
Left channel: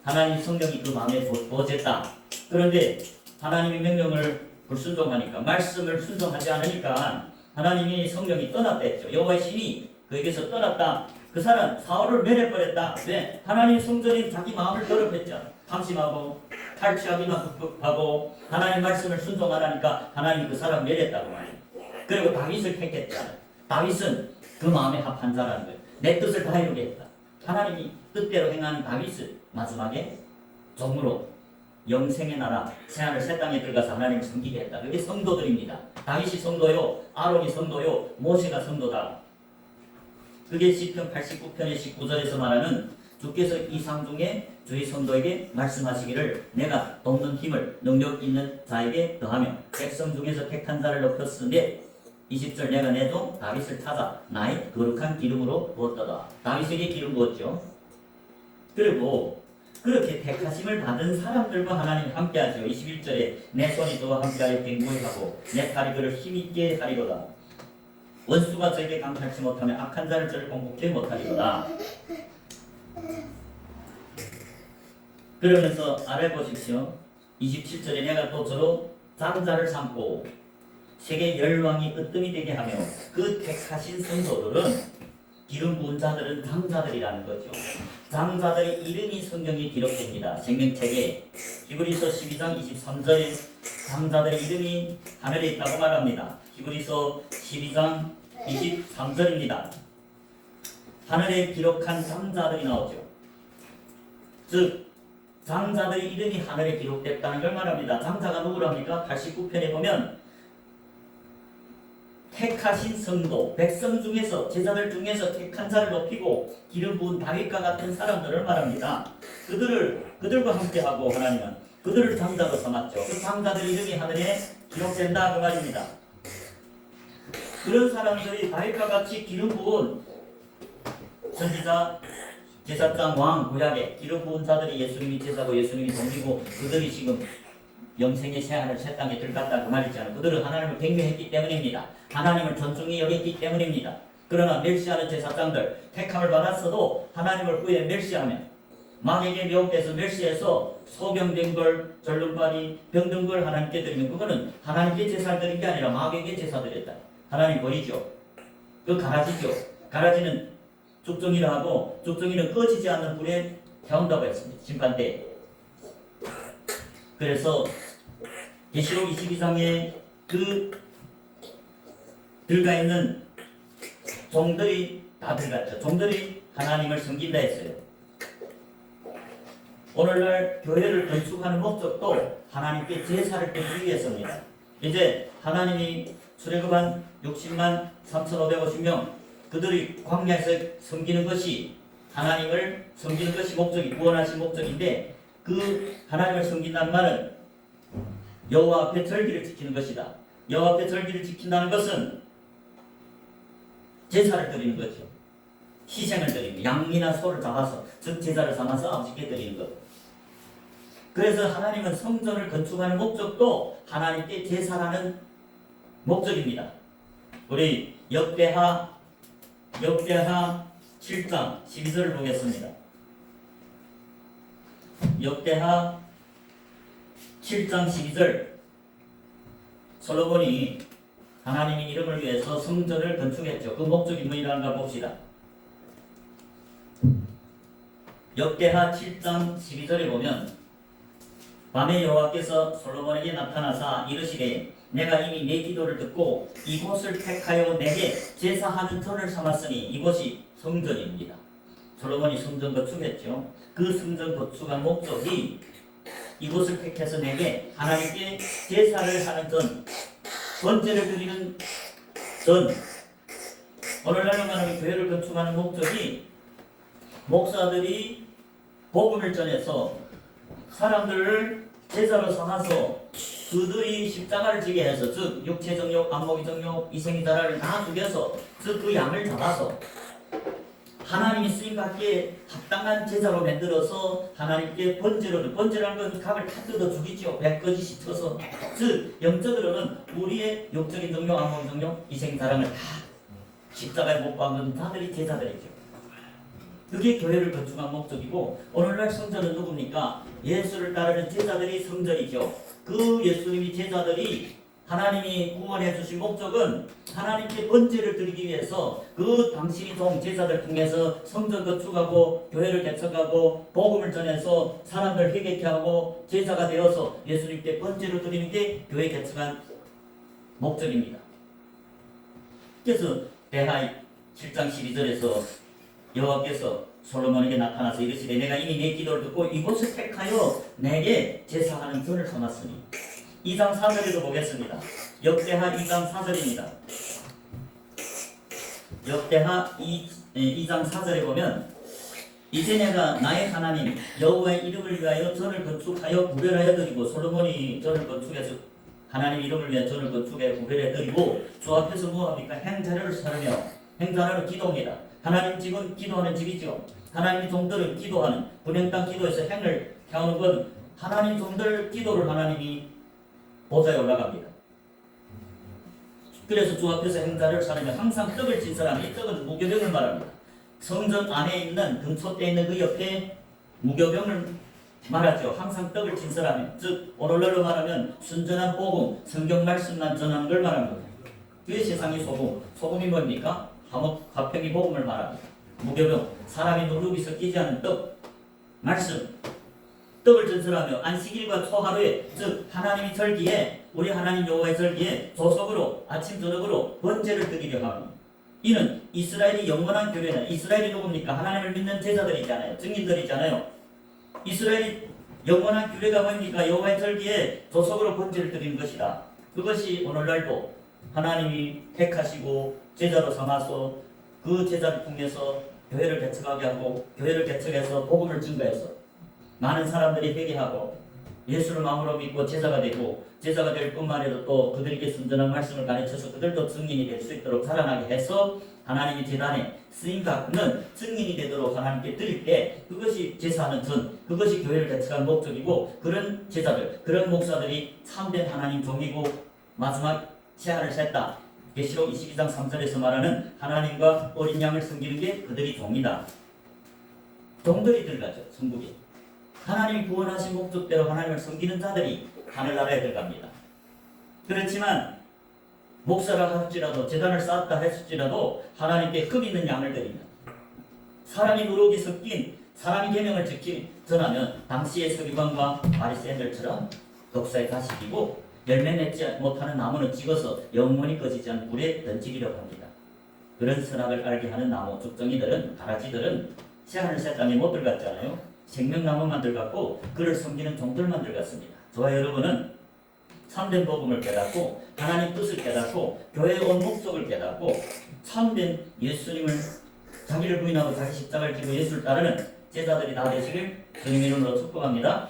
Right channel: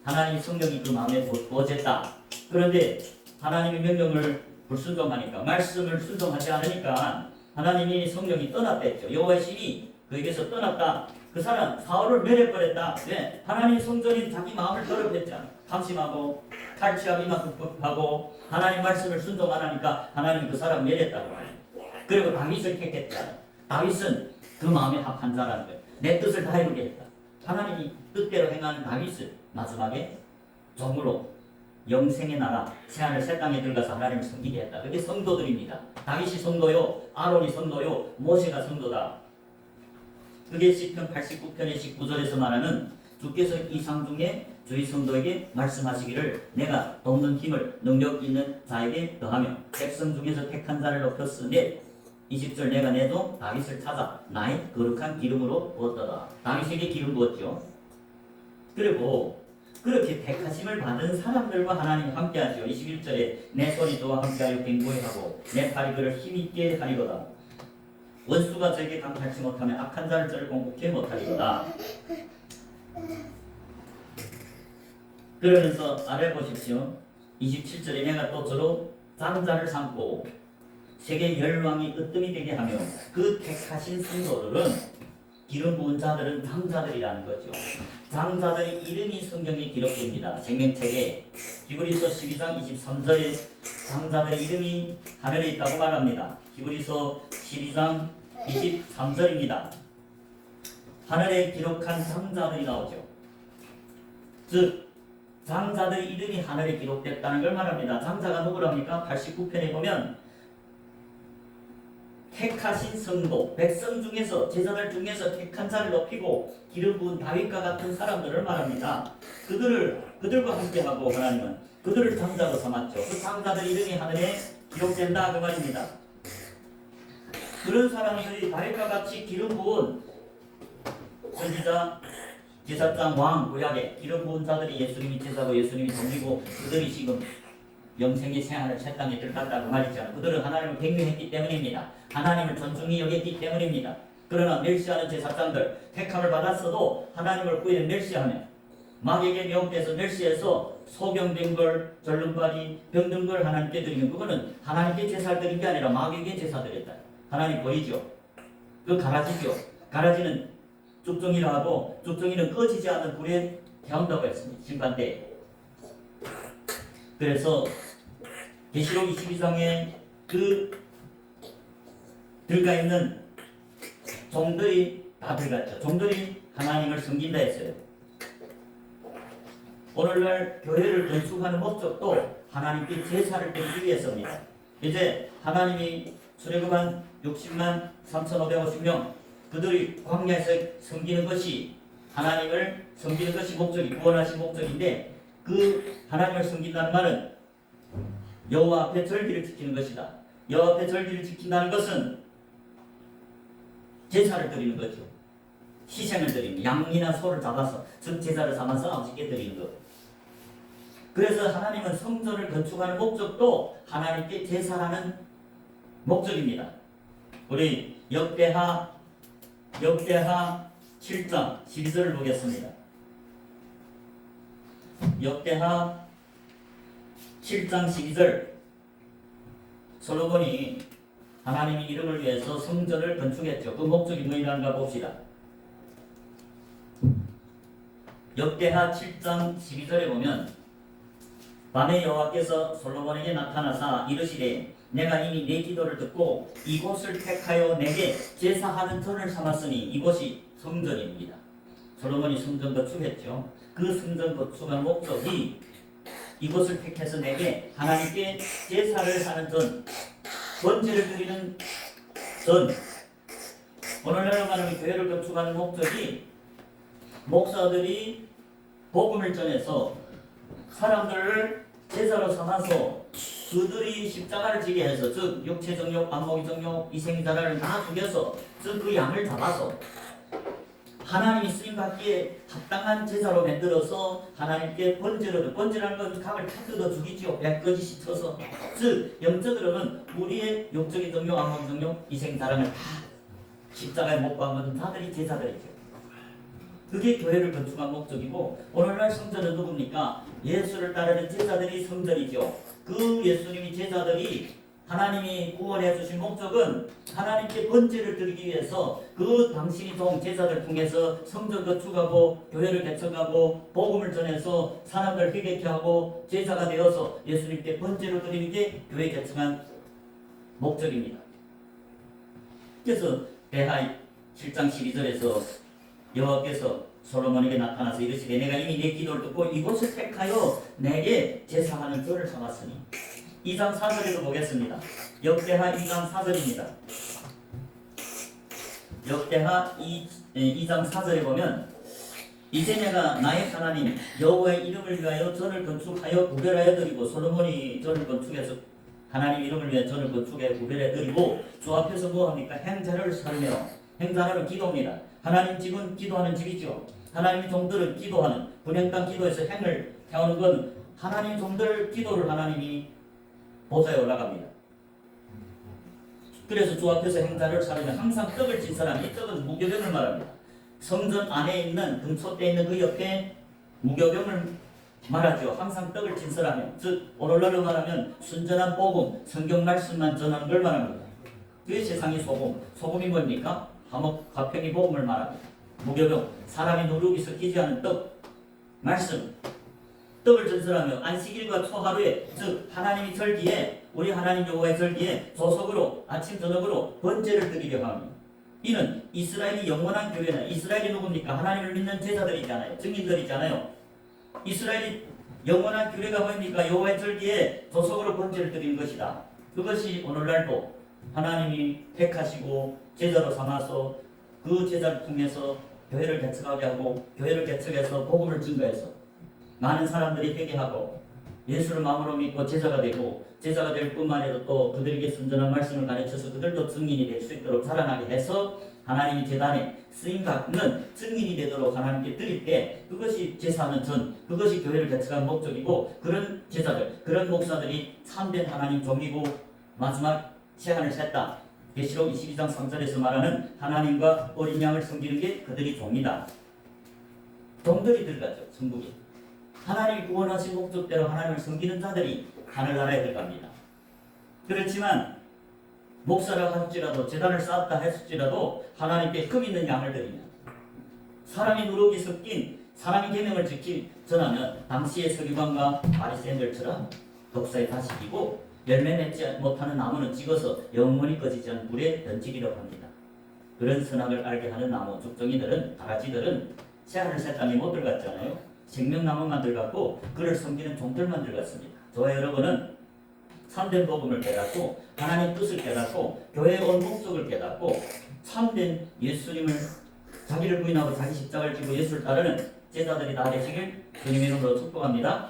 하나님 성령이 그 마음에 부어졌다. 그런데 하나님의 명령을 불순종하니까, 말씀을 순종하지 않으니까 하나님이 성령이 떠났댔죠. 여호와의 신이 그에게서 떠났다. 그 사람 사울을 멸해버렸다. 왜? 하나님 성전이 자기 마음을 더럽혔잖아. 탐심하고 탈취하기만 급급하고 하나님 말씀을 순종 안 하니까 하나님이 그 사람 멸했다고 말이에요. 그리고 다윗을 택했잖아. 다윗은 그 마음에 합한 자라는 거예요. 내 뜻을 다 이루겠다. 하나님이 뜻대로 행하는 다윗을 마지막에 종으로 영생의 나라 새하늘 새 땅에 들어가서 하나님을 섬기게 했다. 그게 성도들입니다. 다윗이 성도요, 아론이 성도요, 모세가 성도다. 그게 시편 89편의 19절에서 말하는 주께서 이상 중에 주의 성도에게 말씀하시기를 내가 돕는 힘을 능력 있는 자에게 더하며 백성 중에서 택한 자를 높였으니 20절 내가 내 종 다윗을 찾아 나의 거룩한 기름으로 부었더라. 다윗에게 기름 부었죠. 그리고 그렇게 택하심을 받은 사람들과 하나님 함께하죠. 21절에 내 손이 저와 함께하여 갱고히 하고 내 팔이 그를 힘있게 하리로다. 원수가 저에게 강탈치 못하면 악한 자를 저를 공격해 못하리로다. 그러면서 아래 보십시오. 27절에 내가 또 저로 장자를 삼고 세계 열왕이 으뜸이 되게 하며 그 택하신 성도들은 기름 부은 자들은 장자들이라는 거죠. 장자들의 이름이 성경에 기록됩니다. 생명책에 히브리서 12장 23절에 장자들의 이름이 하늘에 있다고 말합니다. 히브리서 12장 23절입니다. 하늘에 기록한 장자들이 나오죠. 즉 장자들의 이름이 하늘에 기록됐다는 걸 말합니다. 장자가 누구랍니까? 89편에 보면 택하신 성도, 백성 중에서 제자들 중에서 택한 자를 높이고 기름 부은 다윗과 같은 사람들을 말합니다. 그들과 함께하고 하나님은 그들을 장자로 삼았죠. 그 장자들 이름이 하늘에 기록된다 그 말입니다. 그런 사람들이 다윗과 같이 기름 부은 선지자, 제사장, 왕, 구약에 기름 부은 자들이 예수님이 제사고 예수님이 동이고 그들이 지금 영생의 새하늘 새 땅에 들어간다 그 말이잖아요. 그들은 하나님을 경외했기 때문입니다. 하나님을 존중히 여겼기 때문입니다. 그러나 멸시하는 제사장들 택함을 받았어도 하나님을 후에 멸시하며 마귀에게 미혹돼서 멸시해서 소경된 걸 절름발이 병든 걸 하나님께 드리는 그거는 하나님께 제사를 드린 게 아니라 마귀에게 제사 드렸다. 하나님 보이죠? 그 가라지죠. 가라지는 죽정이라 하고 죽정이는 꺼지지 않는 불에 태운다고 했습니다. 심판 때. 그래서 계시록 22장에 그 들어가 있는 종들이 다 들어갔죠. 종들이 하나님을 섬긴다 했어요. 오늘날 교회를 건축하는 목적도 하나님께 제사를 드리기 위해서입니다. 이제 하나님이 출애굽한 60만 3,550명 그들이 광야에서 섬기는 것이 하나님을 섬기는 것이 목적이 구원하신 목적인데 그 하나님을 섬긴다는 말은 여호와 앞에 절기를 지키는 것이다. 여호와 앞에 절기를 지킨다는 것은 제사를 드리는 거죠. 희생을 드리는 양이나 소를 잡아서 제사를 삼아서 아버지께 드리는 것. 그래서 하나님은 성전을 건축하는 목적도 하나님께 제사라는 목적입니다. 우리 역대하 7장 12절을 보겠습니다. 역대하 7장 12절 솔로몬이 하나님의 이름을 위해서 성전을 건축했죠. 그 목적이 뭐냐는가 봅시다. 역대하 7장 12절에 보면 밤에 여호와께서 솔로몬에게 나타나사 이르시되 내가 이미 내 기도를 듣고 이곳을 택하여 내게 제사하는 전을 삼았으니 이곳이 성전입니다. 솔로몬이 성전 건축했죠. 그 성전 건축한 목적이 이곳을 택해서 내게 하나님께 제사를 하는 전, 번제를 드리는 전. 오늘날 말하는 교회를 건축하는 목적이 목사들이 복음을 전해서 사람들을 제사로 삼아서 그들이 십자가를 지게 해서 즉 육체 정욕, 안목의 정욕, 이생자를 다 죽여서 즉 그 양을 잡아서 하나님이 쓰임받기에 합당한 제사로 만들어서 하나님께 번제라는 건 이 각을 다 뜯어 죽이지요. 배끄지 쳐서 즉 영적으로는 우리의 육적인 정욕, 안목의 정욕, 이생자랑을 다 십자가에 못 박은 자들이 제자들이죠. 그게 교회를 건축한 목적이고 오늘날 성전은 누굽니까? 예수를 따르는 제자들이 성전이죠. 그 예수님이 제자들이 하나님이 구원해 주신 목적은 하나님께 번제를 드리기 위해서 그 당신이 동 제자들 통해서 성전 건축하고 교회를 개척하고 복음을 전해서 사람들 회개케 하고 제자가 되어서 예수님께 번제를 드리는 게 교회 개척한 목적입니다. 그래서 대하 7장 12절에서 여호와께서 솔로몬에게 나타나서 이르시되 내가 이미 내 기도를 듣고 이곳을 택하여 내게 제사하는 꾼을 삼았으니 2장 4절에도 보겠습니다. 역대하 2장 4절입니다. 역대하 2장 4절에 보면 이제 내가 나의 하나님 여호와의 이름을 위하여 전을 건축하여 구별하여 드리고 솔로몬이 전을 건축해서 하나님 이름을 위해 전을 건축해 구별해 드리고 주 앞에서 뭐합니까? 행자료를 사르며 행자료는 기도입니다. 하나님 집은 기도하는 집이죠. 하나님 종들은 기도하는 분향당 기도에서 행을 해오는 건 하나님 종들 기도를 하나님이 보좌에 올라갑니다. 그래서 주 앞에서 행자를 사르며 항상 떡을 진 사람이 이 떡은 무교병을 말합니다. 성전 안에 있는 근처에 있는 그 옆에 무교병을 말하죠. 항상 떡을 진 사람이 즉 오늘날로 말하면 순전한 복음 성경 말씀만 전하는 걸 말합니다. 그게 세상의 소금. 소금이 뭡니까? 화평의 복음을 말합니다. 무교병 사람이 누룩이 섞이지 않은 떡 말씀 떡을 전설하며 안식일과 초하루에 즉 하나님이 절기에 우리 하나님 여호와의 절기에 조석으로 아침 저녁으로 번제를 드리려 합니다. 이는 이스라엘이 영원한 교회는 이스라엘이 누굽니까? 하나님을 믿는 제자들이잖아요. 증인들이잖아요. 이스라엘이 영원한 교회가 뭡니까? 여호와의 절기에 조석으로 번제를 드리는 것이다. 그것이 오늘날도 하나님이 택하시고 제자로 삼아서 그 제자를 통해서 교회를 개척하게 하고 교회를 개척해서 복음을 증거해서 많은 사람들이 회개하고 예수를 마음으로 믿고 제자가 되고 제자가 될 뿐만 아니라 또 그들에게 순전한 말씀을 가르쳐서 그들도 증인이 될 수 있도록 자라나게 해서 하나님이 제단에 쓰임받는 증인이 되도록 하나님께 드릴 때 그것이 제사하는 전 그것이 교회를 개척하는 목적이고 그런 제자들 그런 목사들이 참된 하나님 종이고 마지막 제한을 셌다. 계시록 22장 3절에서 말하는 하나님과 어린 양을 섬기는 게 그들이 종이다. 종들이 들어가죠. 천국이. 하나님이 구원하신 목적대로 하나님을 섬기는 자들이 하늘나라에 들어갑니다. 그렇지만 목사라고 할지라도 제단을 쌓았다 했을지라도 하나님께 흠 있는 양을 드립니다. 사람이 누룩이 섞인 사람이 계명을 전하면 당시의 서기관과 바리새인들처럼 독사의 가식이고 열매 맺지 못하는 나무는 찍어서 영원히 꺼지지 않는 불에 던지기로 합니다. 그런 선악을 알게 하는 나무 죽정이들은 가라지들은 새하늘 새땅에 못 들어갔잖아요. 생명나무만 들어갔고 그를 섬기는 종들만 들어갔습니다. 저와 여러분은 참된 복음을 깨닫고 하나님 뜻을 깨닫고 교회에 온 목적을 깨닫고 참된 예수님을 자기를 부인하고 자기 십자가를 지고 예수를 따르는 제자들이 다 되시길 주님의 이름으로 축복합니다.